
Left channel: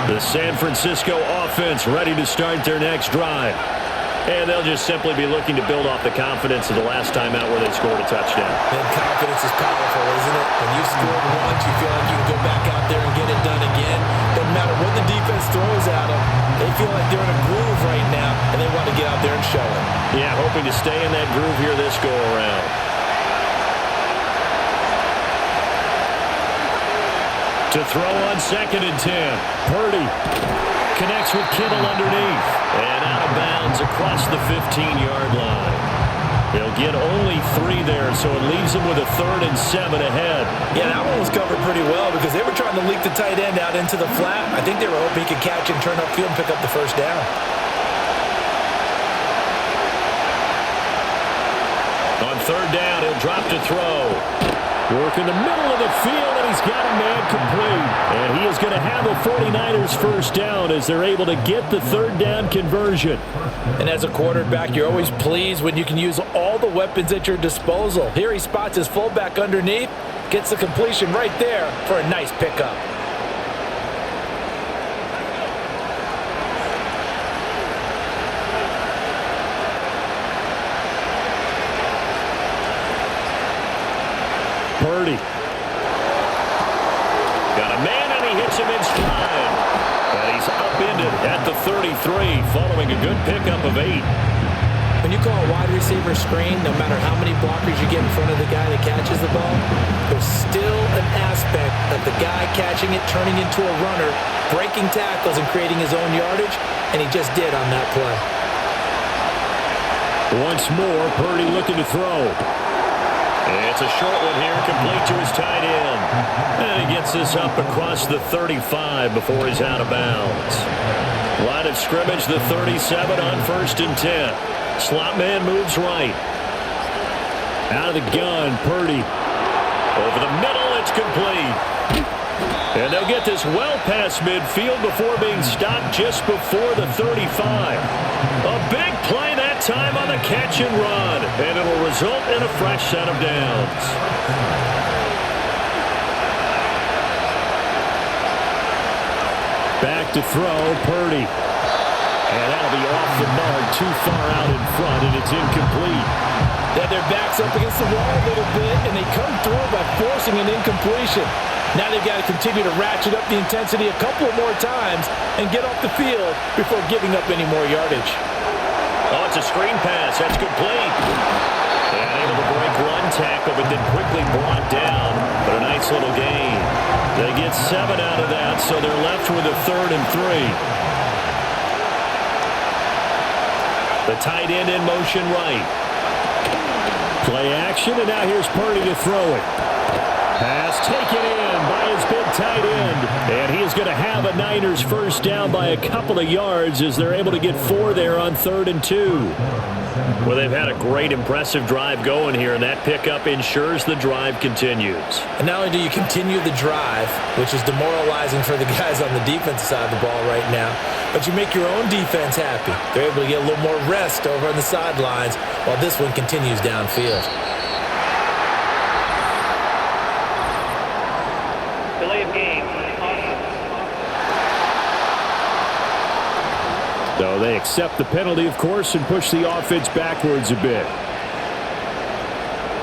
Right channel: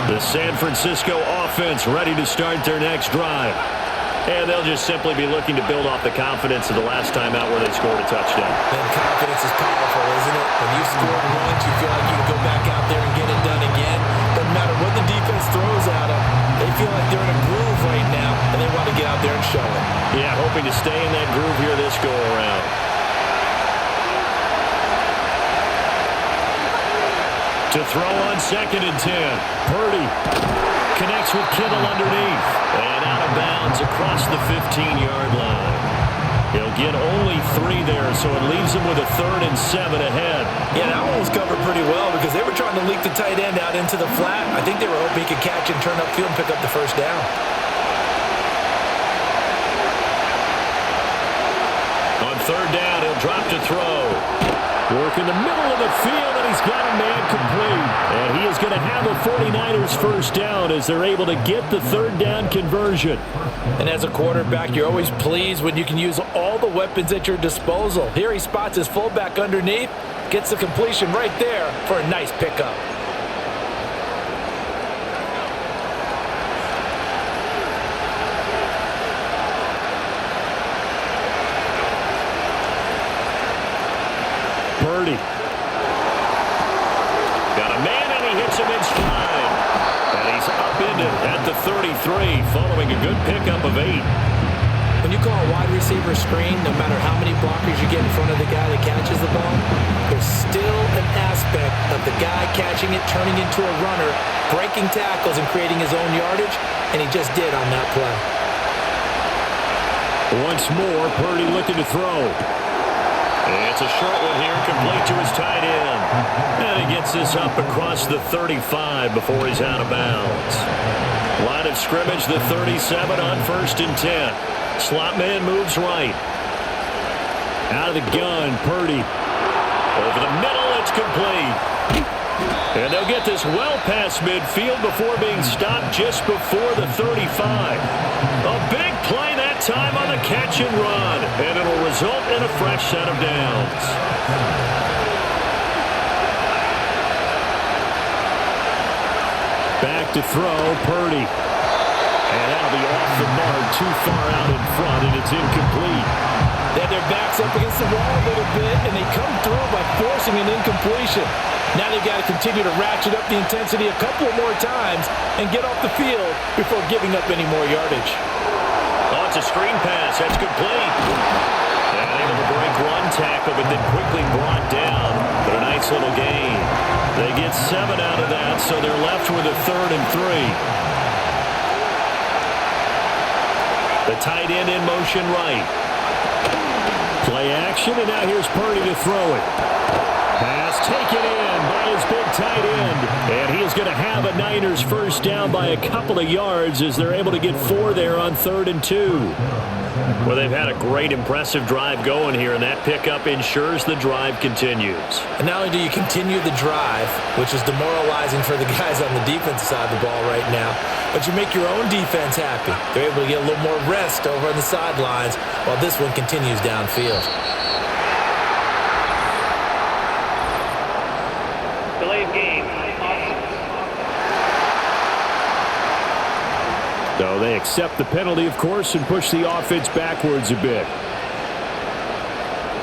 The San Francisco offense ready to start their next drive. And they'll just simply be looking to build off the confidence of the last time out where they scored a touchdown. And confidence is powerful, isn't it? When you've scored once, you feel like you can go back out there and get it done again. Doesn't matter what the defense throws at them. They feel like they're in a groove right now, and they want to get out there and show it. Yeah, hoping to stay in that groove here this go-around. To throw on 2nd and 10. Purdy connects with Kittle underneath. And out of bounds across the 15-yard line. He'll get only 3 there, so it leaves him with a 3rd and 7 ahead. Yeah, that one was covered pretty well because they were trying to leak the tight end out into the flat. I think they were hoping he could catch and turn upfield and pick up the first down. On 3rd down, he'll drop to throw. Work in the middle of the field, and he's got a man complete. And he is going to have a 49ers first down as they're able to get the 3rd down conversion. And as a quarterback, you're always pleased when you can use all the weapons at your disposal. Here he spots his fullback underneath, gets the completion right there for a nice pickup. Purdy. Got a man, and he hits him in stride. And he's upended at the 33, following a good pickup of 8. When you call a wide receiver screen, no matter how many blockers you get in front of the guy that catches the ball, there's still an aspect of the guy catching it, turning into a runner, breaking tackles, and creating his own yardage, and he just did on that play. Once more, Purdy looking to throw. It's a short one here, complete to his tight end. And he gets this up across the 35 before he's out of bounds. Line of scrimmage, the 37 on 1st and 10. Slot man moves right. Out of the gun, Purdy. Over the middle, it's complete. And they'll get this well past midfield before being stopped just before the 35. A big play that time on the catch and run, and it'll result in a fresh set of downs. Back to throw, Purdy. And that'll be off the mark, too far out in front, and it's incomplete. They had their backs up against the wall a little bit, and they come through by forcing an incompletion. Now they've got to continue to ratchet up the intensity a couple more times and get off the field before giving up any more yardage. Oh, it's a screen pass. That's complete. And able to break one tackle, but then quickly brought down. But a nice little gain. They get 7 out of that, so they're left with a 3rd and 3. The tight end in motion right. Play action, and now here's Purdy to throw it. Pass taken in by his big tight end. And he is going to have a Niners first down by a couple of yards as they're able to get 4 there on 3rd and 2. Well, they've had a great, impressive drive going here, and that pickup ensures the drive continues. And not only do you continue the drive, which is demoralizing for the guys on the defensive side of the ball right now, but you make your own defense happy. They're able to get a little more rest over on the sidelines while this one continues downfield. Delay of game. So they accept the penalty, of course, and push the offense backwards a bit.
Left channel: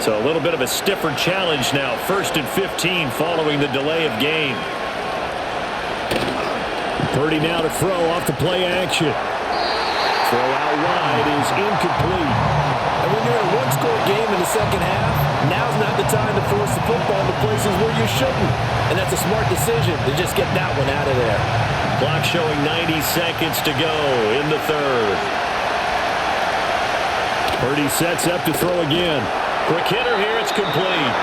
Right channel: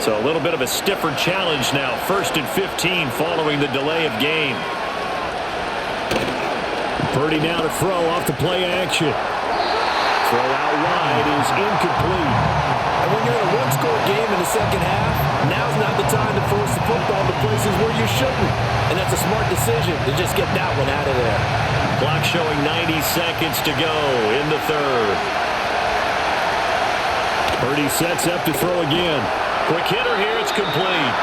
So a little bit of a stiffer challenge now. 1st and 15 following the delay of game. Purdy now to throw off the play action. Throw out wide is incomplete. And when you're in a one-score game in the second half, now's not the time to force the football into places where you shouldn't. And that's a smart decision to just get that one out of there. Clock showing 90 seconds to go in the 3rd. Purdy sets up to throw again. Quick hitter here, it's complete.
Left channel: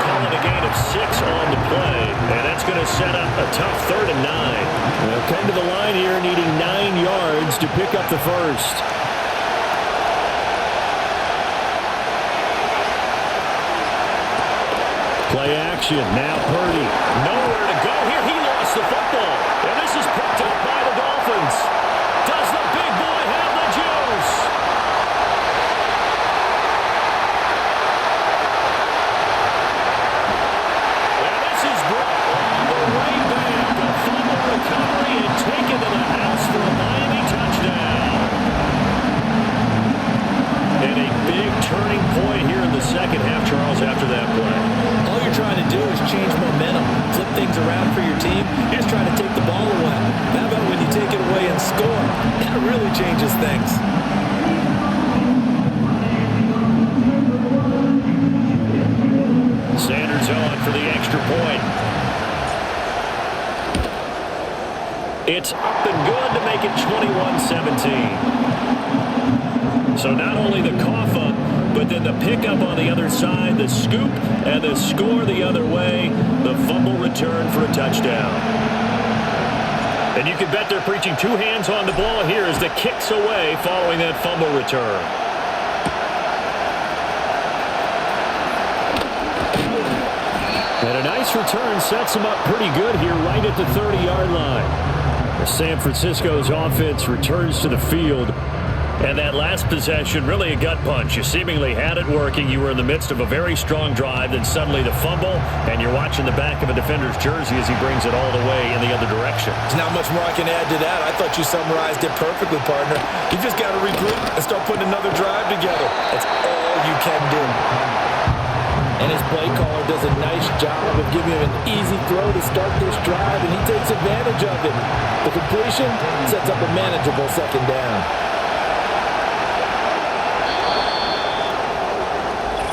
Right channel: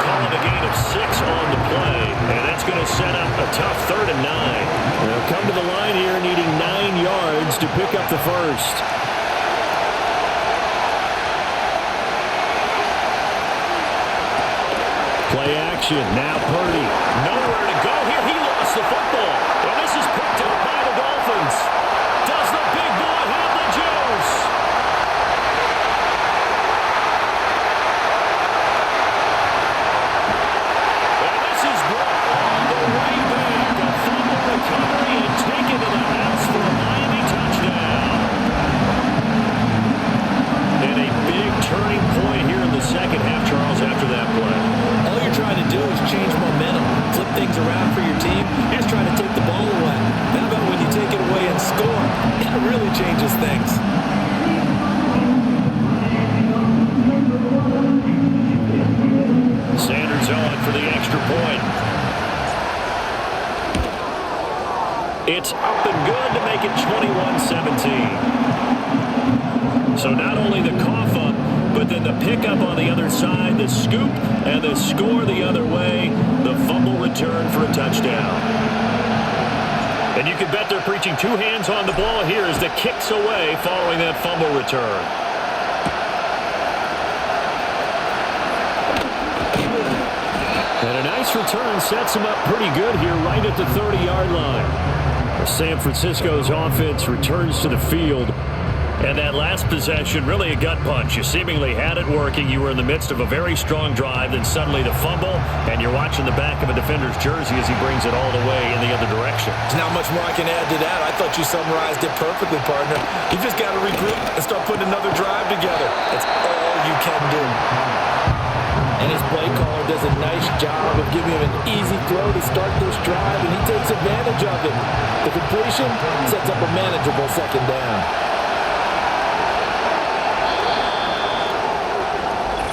Call it a gain of 6 on the play, and that's going to set up a tough 3rd and 9. They'll come to the line here needing 9 yards to pick up the first. Play action, now Purdy. Nowhere to go here, he lost the football. And this is picked up by the Dolphins. Does the big boy have the juice? And this is brought all the way back. A fumble recovery and taken to the house for a Miami touchdown. And a big turning point here in the second half, Charles, after that play. All you're trying to do is change momentum, flip things around for your team. You're just trying to take the ball away. How about when you take it away and score? That really changes things. Sanders on for the extra point. It's up and good to make it 21-17. So not only the cough up, but then the pickup on the other side, the scoop, and the score the other way, the fumble return for a touchdown. And you can bet they're preaching 2 hands on the ball here as the kicks away following that fumble return. And a nice return sets him up pretty good here right at the 30-yard line. As San Francisco's offense returns to the field. And that last possession, really a gut punch. You seemingly had it working. You were in the midst of a very strong drive. Then suddenly the fumble, and you're watching the back of a defender's jersey as he brings it all the way in the other direction. There's not much more I can add to that. I thought you summarized it perfectly, partner. You just got to regroup and start putting another drive together. That's all you can do. And his play caller does a nice job of giving him an easy throw to start this drive, and he takes advantage of it. The completion sets up a manageable second down.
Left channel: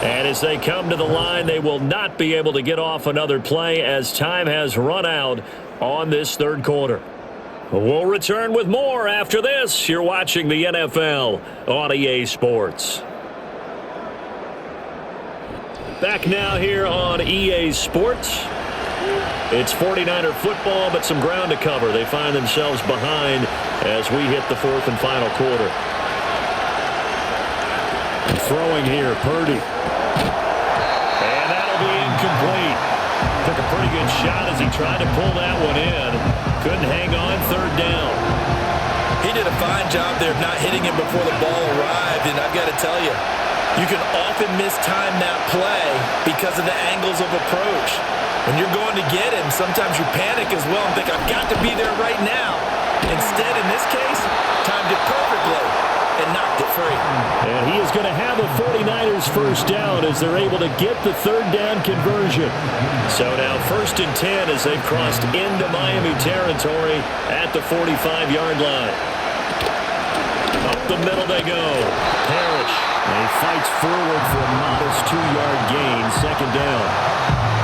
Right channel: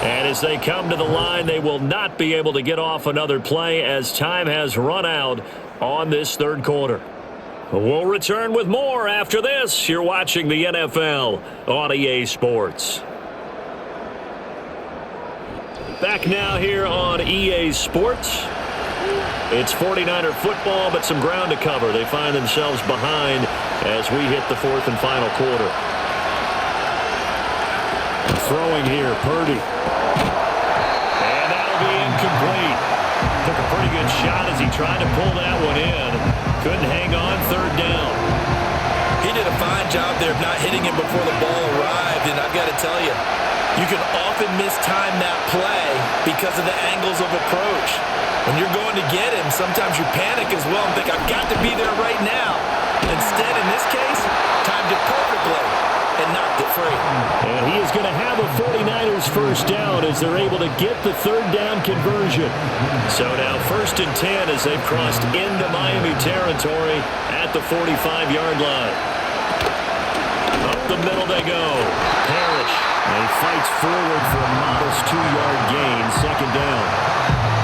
And as they come to the line, they will not be able to get off another play as time has run out on this 3rd quarter. We'll return with more after this. You're watching the NFL on EA Sports. Back now here on EA Sports. It's 49er football, but some ground to cover. They find themselves behind as we hit the 4th and final quarter. Throwing here, Purdy. And that'll be incomplete. Took a pretty good shot as he tried to pull that one in. Couldn't hang on, 3rd down. He did a fine job there of not hitting him before the ball arrived, and I've got to tell you, you can often mistime that play because of the angles of approach. When you're going to get him, sometimes you panic as well and think, I've got to be there right now. Instead, in this case, timed it perfectly and knocked it free. And he is going to have a 49ers first down as they're able to get the 3rd down conversion. So now 1st and 10 as they've crossed into Miami territory at the 45-yard line. Up the middle they go. Parrish. And he fights forward for a modest 2-yard gain, 2nd down.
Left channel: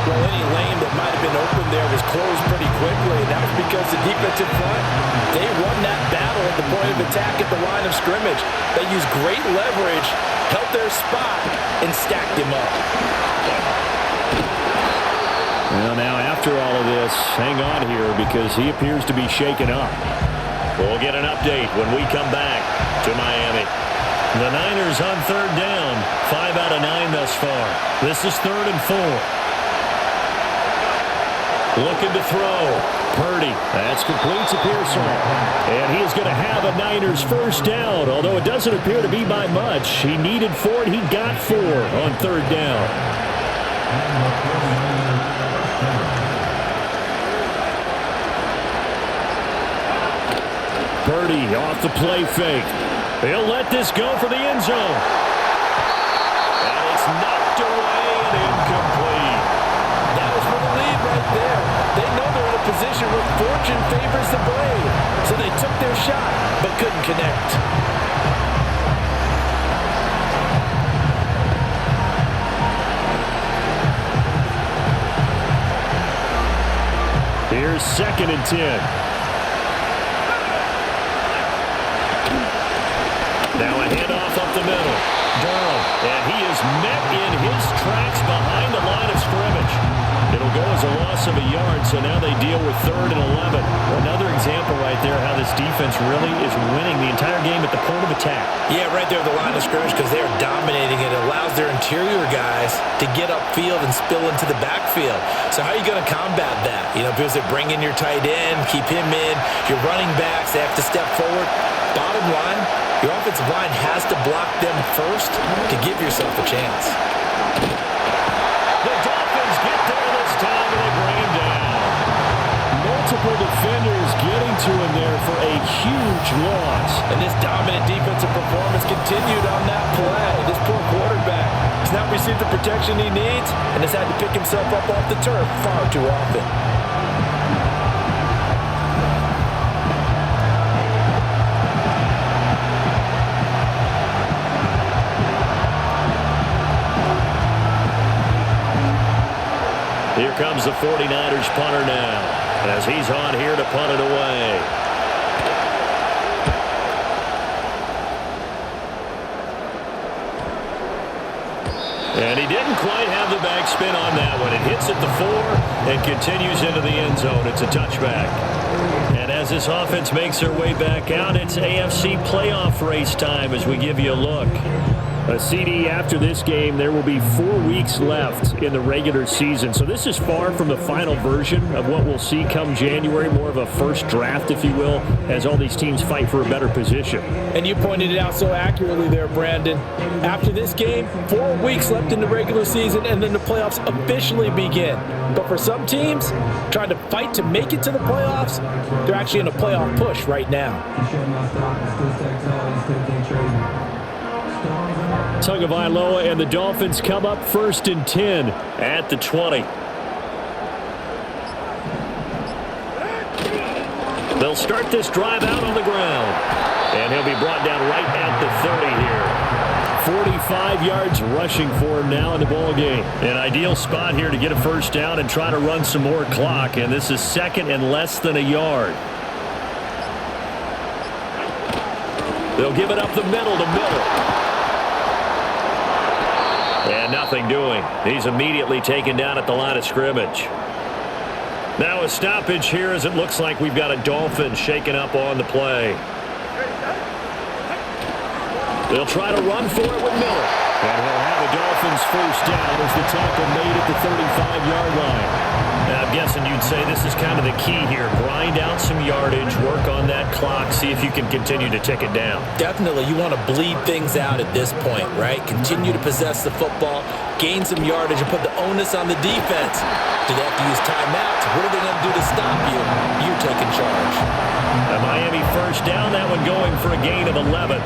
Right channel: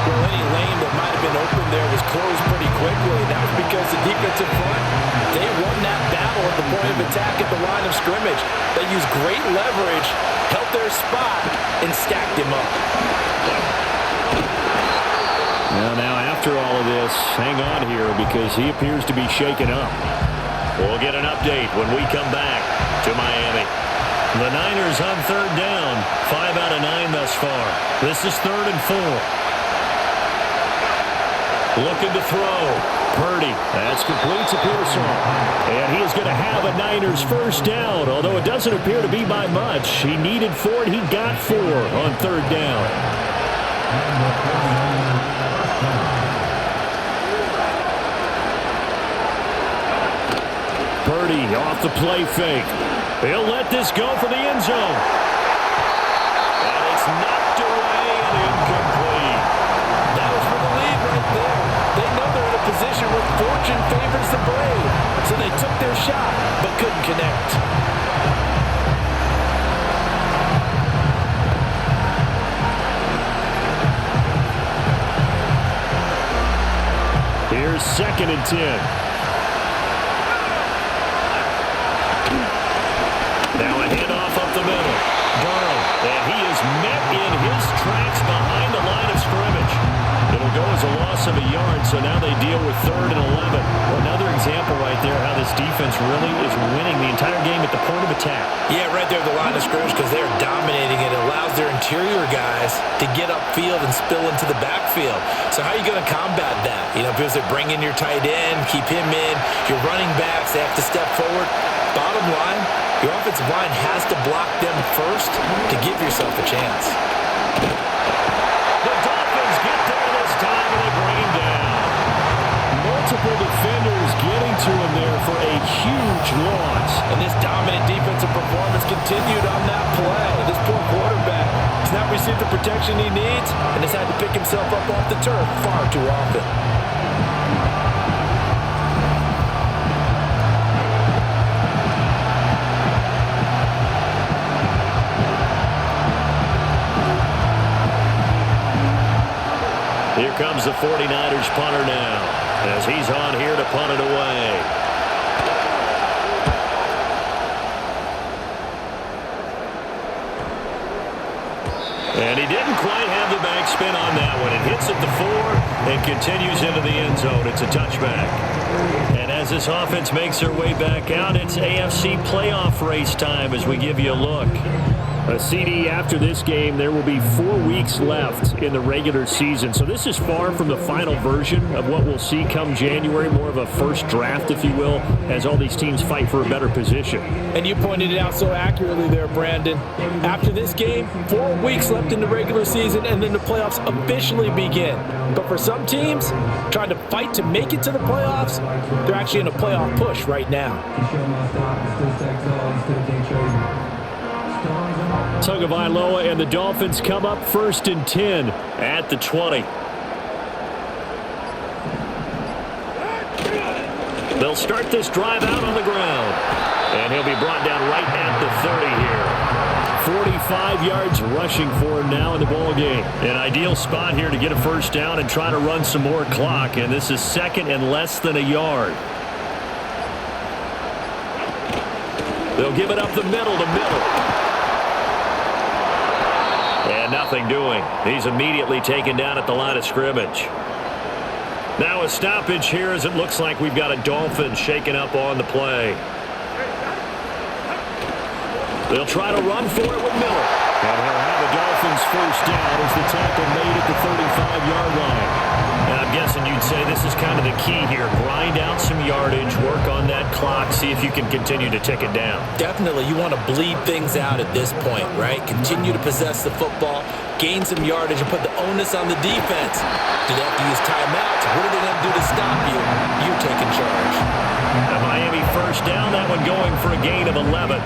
Well, any lane that might have been open there was closed pretty quickly, and that was because the defensive front, they won that battle at the point of attack at the line of scrimmage. They used great leverage, held their spot, and stacked him up. Well, now after all of this, hang on here because he appears to be shaken up. We'll get an update when we come back to Miami. The Niners on third down, 5 out of 9 thus far. This is 3rd and 4. Looking to throw. Purdy. That's complete to Pearsall. And he is going to have a Niners first down, although it doesn't appear to be by much. He needed 4, and he got 4 on third down. And the 49ers first down. Purdy off the play fake. He'll let this go for the end zone. And it's knocked away and incomplete. That was for the lead right there. They know they're in a position where fortune favors the brave. So they took their shot, but couldn't connect. Here's 2nd and 10. Now a handoff up the middle. Durham, and he is met in his tracks behind the line of scrimmage. It'll go as a loss of a yard, so now they deal with 3rd and 11. Another example right there how this defense really is winning the entire game at the point of attack. Yeah, right there at the line of scrimmage because they are dominating it. It allows their interior guys to get upfield and spill into the backfield. So how are you going to combat that? Because they bring in your tight end, keep him in, your running backs, they have to step forward. Bottom line, your offensive line has to block them first to give yourself a chance. The Dolphins get there this time, and they bring him down. Multiple defenders getting to him there for a huge loss. And this dominant defensive performance continued on that play. This poor quarterback has not received the protection he needs and has had to pick himself up off the turf far too often. Here comes the 49ers punter now as he's on here to punt it away. And he didn't quite have the backspin on that one. It hits at the 4 and continues into the end zone. It's a touchback. And as this offense makes their way back out, it's AFC playoff race time as we give you a look. A CD after this game, there will be 4 weeks left in the regular season. So this is far from the final version of what we'll see come January, more of a first draft, if you will, as all these teams fight for a better position. And you pointed it out so accurately there, Brandon. After this game, 4 weeks left in the regular season, and then the playoffs officially begin. But for some teams, trying to fight to make it to the playoffs, they're actually in a playoff push right now. Tagovailoa and the Dolphins come up 1st and 10 at the 20. They'll start this drive out on the ground. And he'll be brought down right at the 30 here. 45 yards rushing for him now in the ball game. An ideal spot here to get a first down and try to run some more clock. And this is 2nd and less than a yard. They'll give it up the middle to Miller. And nothing doing. He's immediately taken down at the line of scrimmage. Now a stoppage here as it looks like we've got a Dolphin shaken up on the play. They'll try to run for it with Miller. And he'll have a Dolphins first down as the tackle made at the 35-yard line. Now, I'm guessing you'd say this is kind of the key here. Grind out some yardage, work on that clock, see if you can continue to tick it down. Definitely. You want to bleed things out at this point, right? Continue to possess the football, gain some yardage, and put the onus on the defense. Do they have to use timeouts? What are they going to do to stop you? You're taking charge. A Miami first down, that one going for a gain of 11.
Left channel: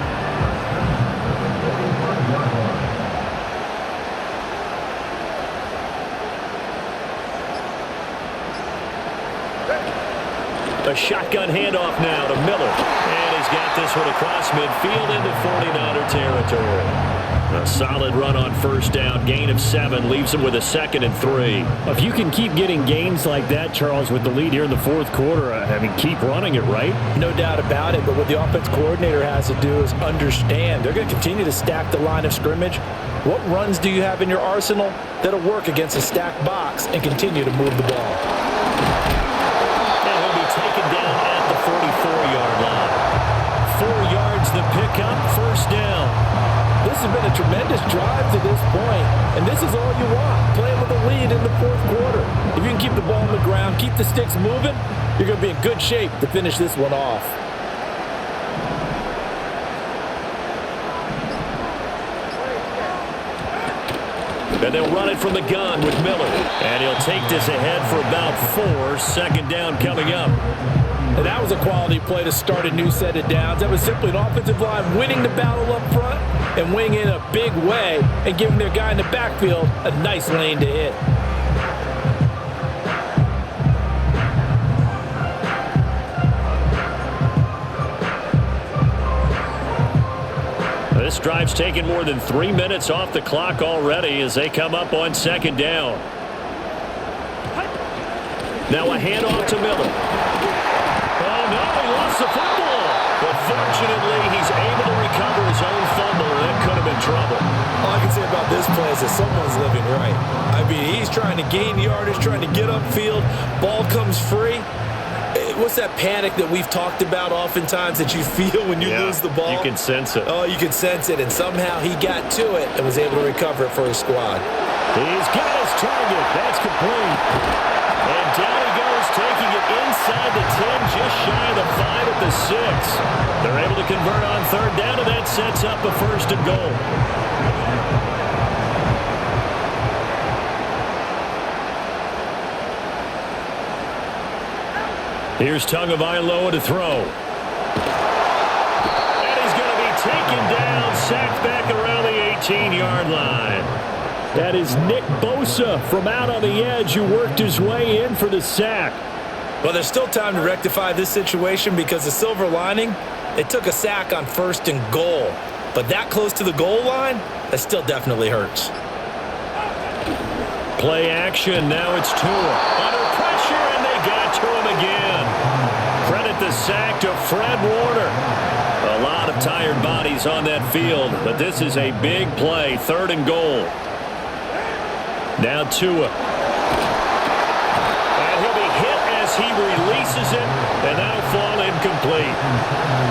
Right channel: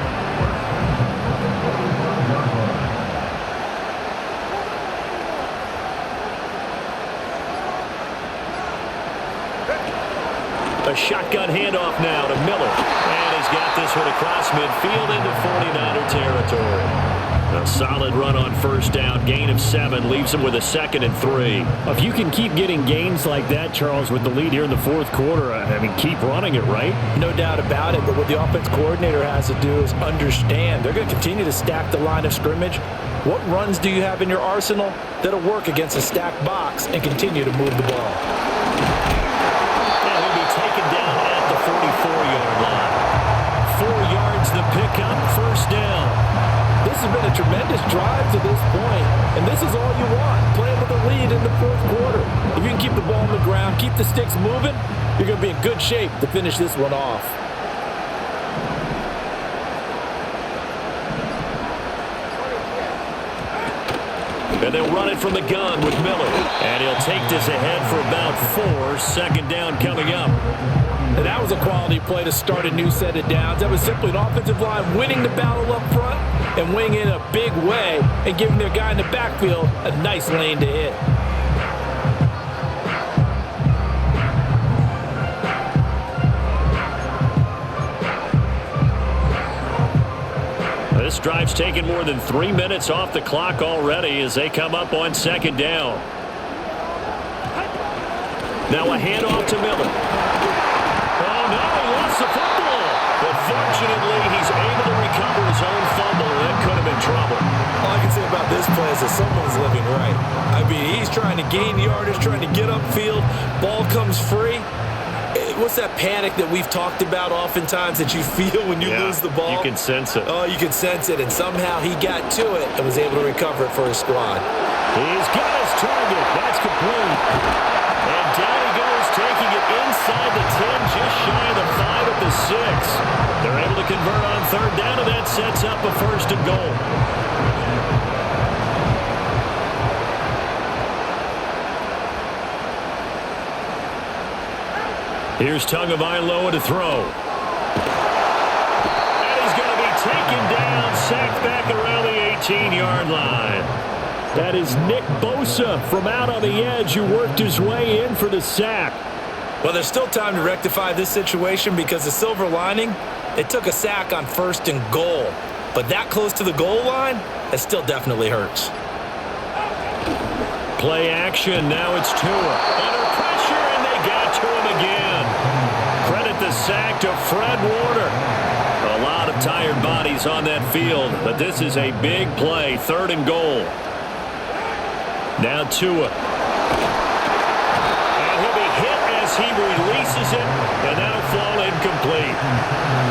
A shotgun handoff now to Miller. And he's got this one across midfield into 49er territory. A solid run on first down, gain of 7, leaves him with a 2nd and 3. If you can keep getting gains like that, Charles, with the lead here in the fourth quarter, I mean, keep running it, right? No doubt about it, but what the offense coordinator has to do is understand they're going to continue to stack the line of scrimmage What runs do you have in your arsenal that'll work against a stacked box and continue to move the ball? And he'll be taken down at the 44-yard line. 4 yards the pickup, first down. This has been a tremendous drive to this point, and this is all you want, playing with a lead in the fourth quarter. If you can keep the ball on the ground, keep the sticks moving, you're going to be in good shape to finish this one off. And they'll run it from the gun with Miller. And he'll take this ahead for about 4. Second down coming up. And that was a quality play to start a new set of downs. That was simply an offensive line winning the battle up front and winning in a big way and giving their guy in the backfield a nice lane to hit. This drive's taken more than 3 minutes off the clock already as they come up on second down. Now a handoff to Miller. Oh, no, he lost the football. But fortunately, he's able to recover his own fumble, or that could have been trouble. All I can say about this play is that someone's living right. I mean, he's trying to gain yardage, trying to get upfield. Ball comes free. What's that panic that we've talked about oftentimes that you feel when you lose the ball? You can sense it. Oh, you can sense it. And somehow he got to it and was able to recover it for his squad. He's got his target. That's complete. And down he goes, taking it inside the 10, just shy of the 5 at the 6. They're able to convert on third down, and that sets up a first and goal. Here's Tagovailoa to throw. And he's going to be taken down, sacked back around the 18-yard line. That is Nick Bosa from out on the edge who worked his way in for the sack. Well, there's still time to rectify this situation because the silver lining, they took a sack on first and goal. But that close to the goal line, that still definitely hurts. Play action. Now it's Tua. Under pressure, and they got to him again. Credit the sack to Fred Warner. A lot of tired bodies on that field, but this is a big play. Third and goal. Now Tua. And he'll be hit as he releases it, and that'll fall incomplete.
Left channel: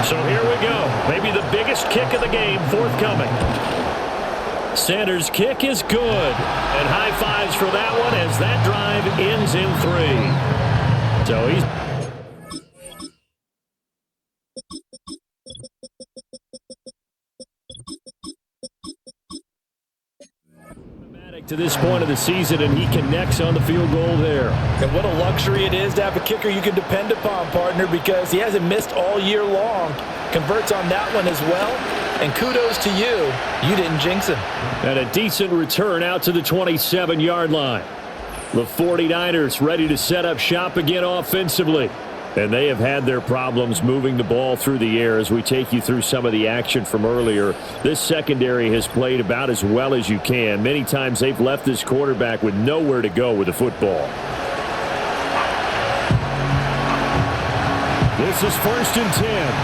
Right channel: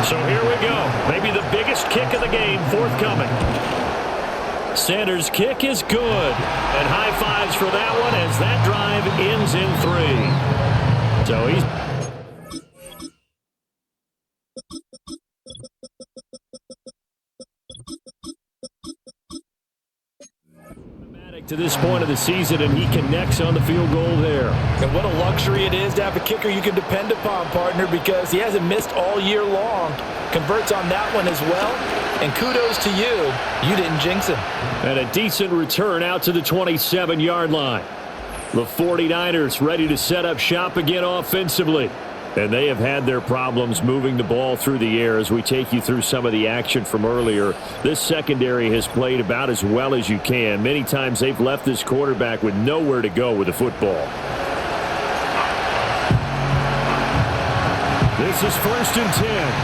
So here we go. Maybe the biggest kick of the game forthcoming. Sanders' kick is good. And high fives for that one as that drive ends in 3. So he's... to this point of the season, and he connects on the field goal there. And what a luxury it is to have a kicker you can depend upon, partner, because he hasn't missed all year long. Converts on that one as well. And kudos to you. You didn't jinx him. And a decent return out to the 27-yard line. The 49ers ready to set up shop again offensively. And they have had their problems moving the ball through the air as we take you through some of the action from earlier. This secondary has played about as well as you can. Many times they've left this quarterback with nowhere to go with the football. This is 1st and 10.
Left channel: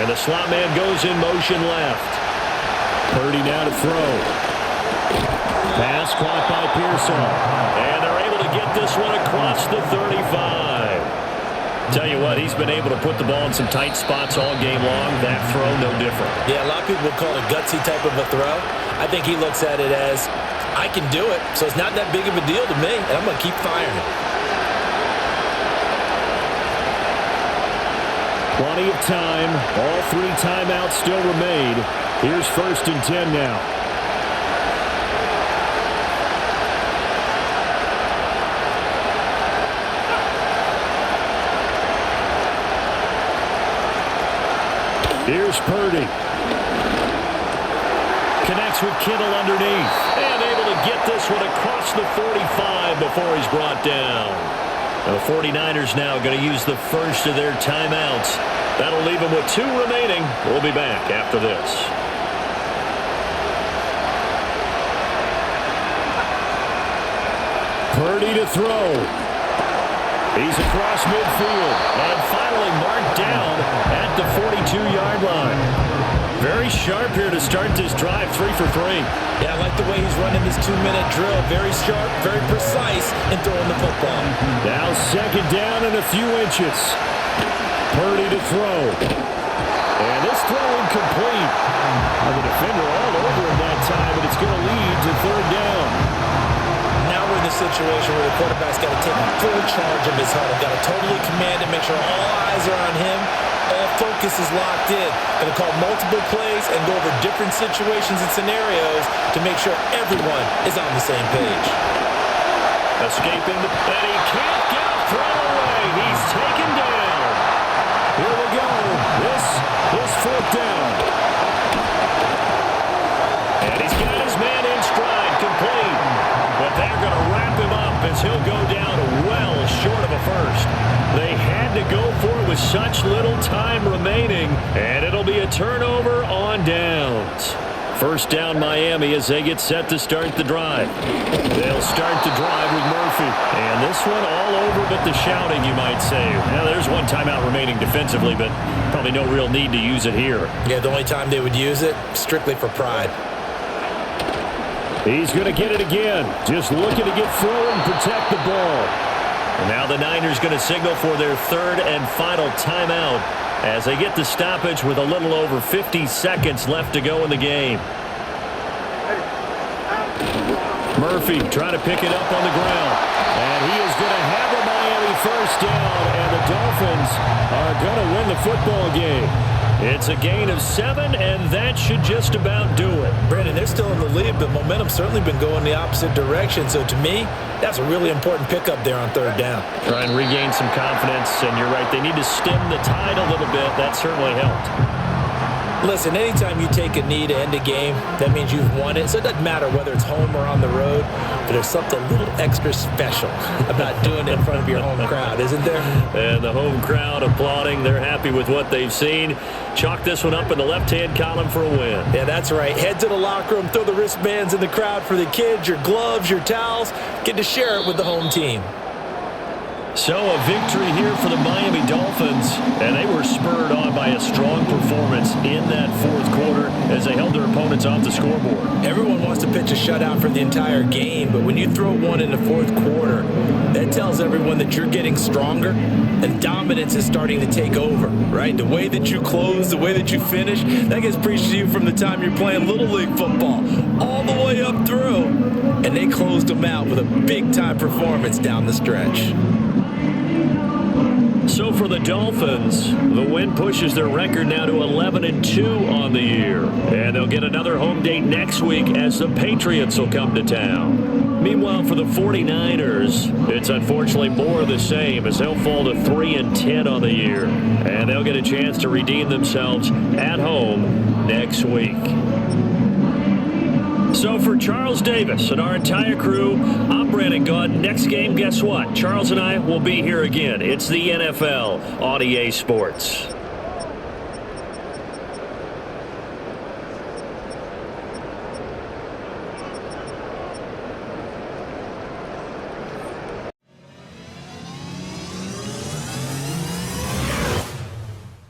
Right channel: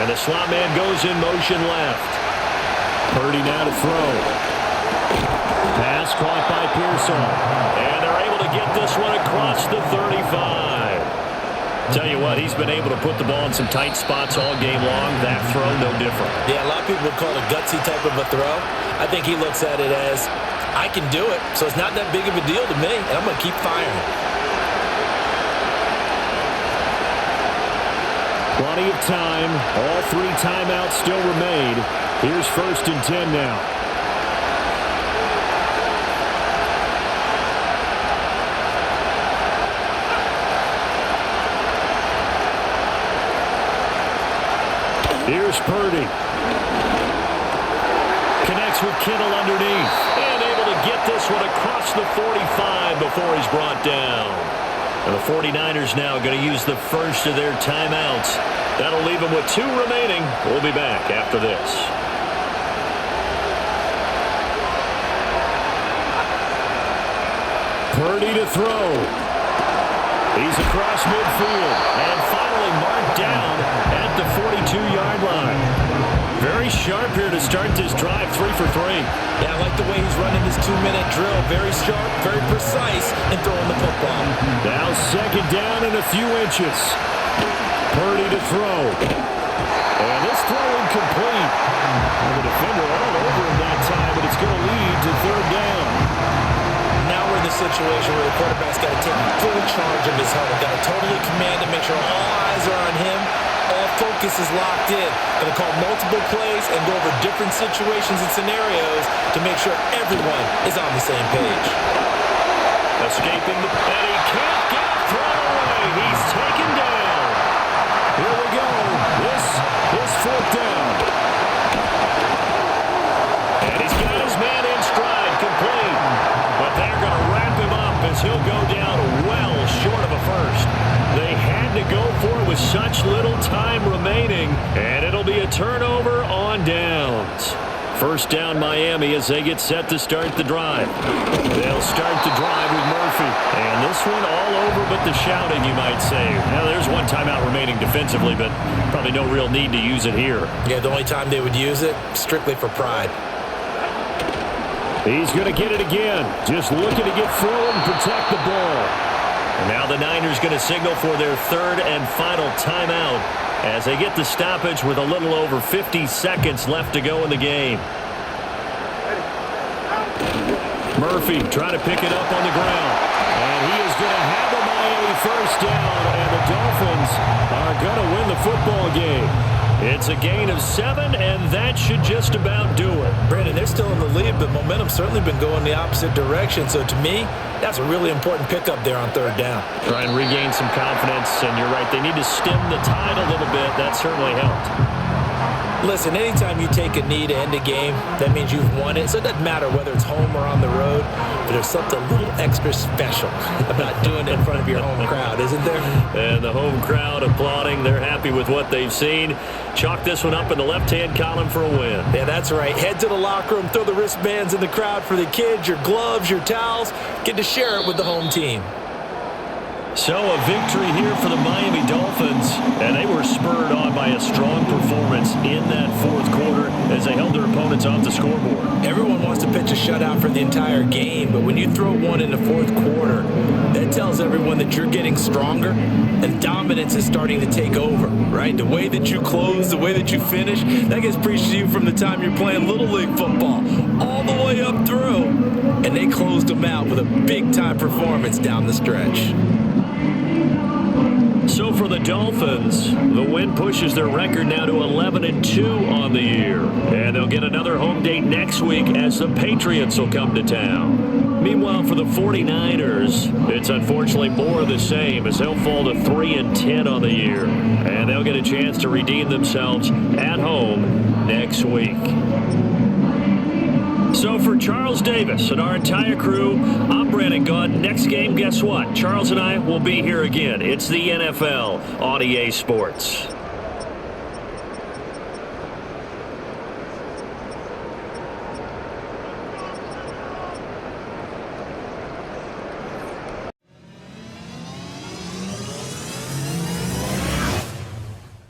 And the slot man goes in motion left. Purdy now to throw. Pass caught by Pearsall. And they're able to get this one across the 35. Tell you what, he's been able to put the ball in some tight spots all game long. That throw, no different. Yeah, a lot of people would call it a gutsy type of a throw. I think he looks at it as, I can do it, so it's not that big of a deal to me, and I'm going to keep firing it. Plenty of time. All 3 timeouts still remain. Here's 1st and 10 now. Here's Purdy. Connects with Kittle underneath. And able to get this one across the 45 before he's brought down. And the 49ers now going to use the first of their timeouts. That'll leave them with 2 remaining. We'll be back after this. Purdy to throw. He's across midfield and finally marked down at the 42-yard line. Very sharp here to start this drive, 3 for 3. Yeah, I like the way he's running this 2-minute drill. Very sharp, very precise in throwing the football. Now 2nd down and a few inches. Purdy to throw. And this throw incomplete. Well, the defender all over him that time, but it's going to lead to 3rd down. Now we're in the situation where the quarterback's got to take full charge of his huddle. Got to totally command it, make sure all eyes are on him. All focus is locked in. Going to call multiple plays and go over different situations and scenarios to make sure everyone is on the same page. Escaping and he can't get a throw away. He's taken down. Here we go. This is 4th down. And he's got his man in stride, complete. But they're going to wrap him up as he'll go down well short of a first. They had to go for it with such little time remaining, and it'll be a turnover on downs. 1st down Miami as they get set to start the drive. They'll start the drive with Murphy. And this one all over but the shouting, you might say. Now, there's one timeout remaining defensively, but probably no real need to use it here. Yeah, the only time they would use it, strictly for pride. He's going to get it again. Just looking to get forward and protect the ball. And now the Niners going to signal for their 3rd and final timeout as they get the stoppage with a little over 50 seconds left to go in the game. Murphy trying to pick it up on the ground. And he is going to have a Miami 1st down, and the Dolphins are going to win the football game. It's a gain of 7, and that should just about do it. Brandon, they're still in the lead, but momentum's certainly been going the opposite direction. So to me, that's a really important pickup there on 3rd down. Try and regain some confidence, and you're right. They need to stem the tide a little bit. That certainly helped. Listen, anytime you take a knee to end a game, that means you've won it. So it doesn't matter whether it's home or on the road, but there's something a little extra special about doing it in front of your home crowd, isn't there? And the home crowd applauding. They're happy with what they've seen. Chalk this one up in the left-hand column for a win. Yeah, that's right. Head to the locker room, throw the wristbands in the crowd for the kids, your gloves, your towels. Get to share it with the home team. So a victory here for the Miami Dolphins, and they were spurred on by a strong performance in that 4th quarter as they held their opponents off the scoreboard. Everyone wants to pitch a shutout for the entire game, but when you throw one in the 4th quarter, that tells everyone that you're getting stronger and dominance is starting to take over, right? The way that you close, the way that you finish, that gets preached to you from the time you're playing Little League football all the way up through, and they closed them out with a big-time performance down the stretch. So for the Dolphins, the win pushes their record now to 11-2 on the year. And they'll get another home date next week as the Patriots will come to town. Meanwhile, for the 49ers, it's unfortunately more of the same as they'll fall to 3-10 on the year. And they'll get a chance to redeem themselves at home next week. So for Charles Davis and our entire crew, I'm Brandon Gaudin. Next game, guess what? Charles and I will be here again. It's the NFL on EA Sports.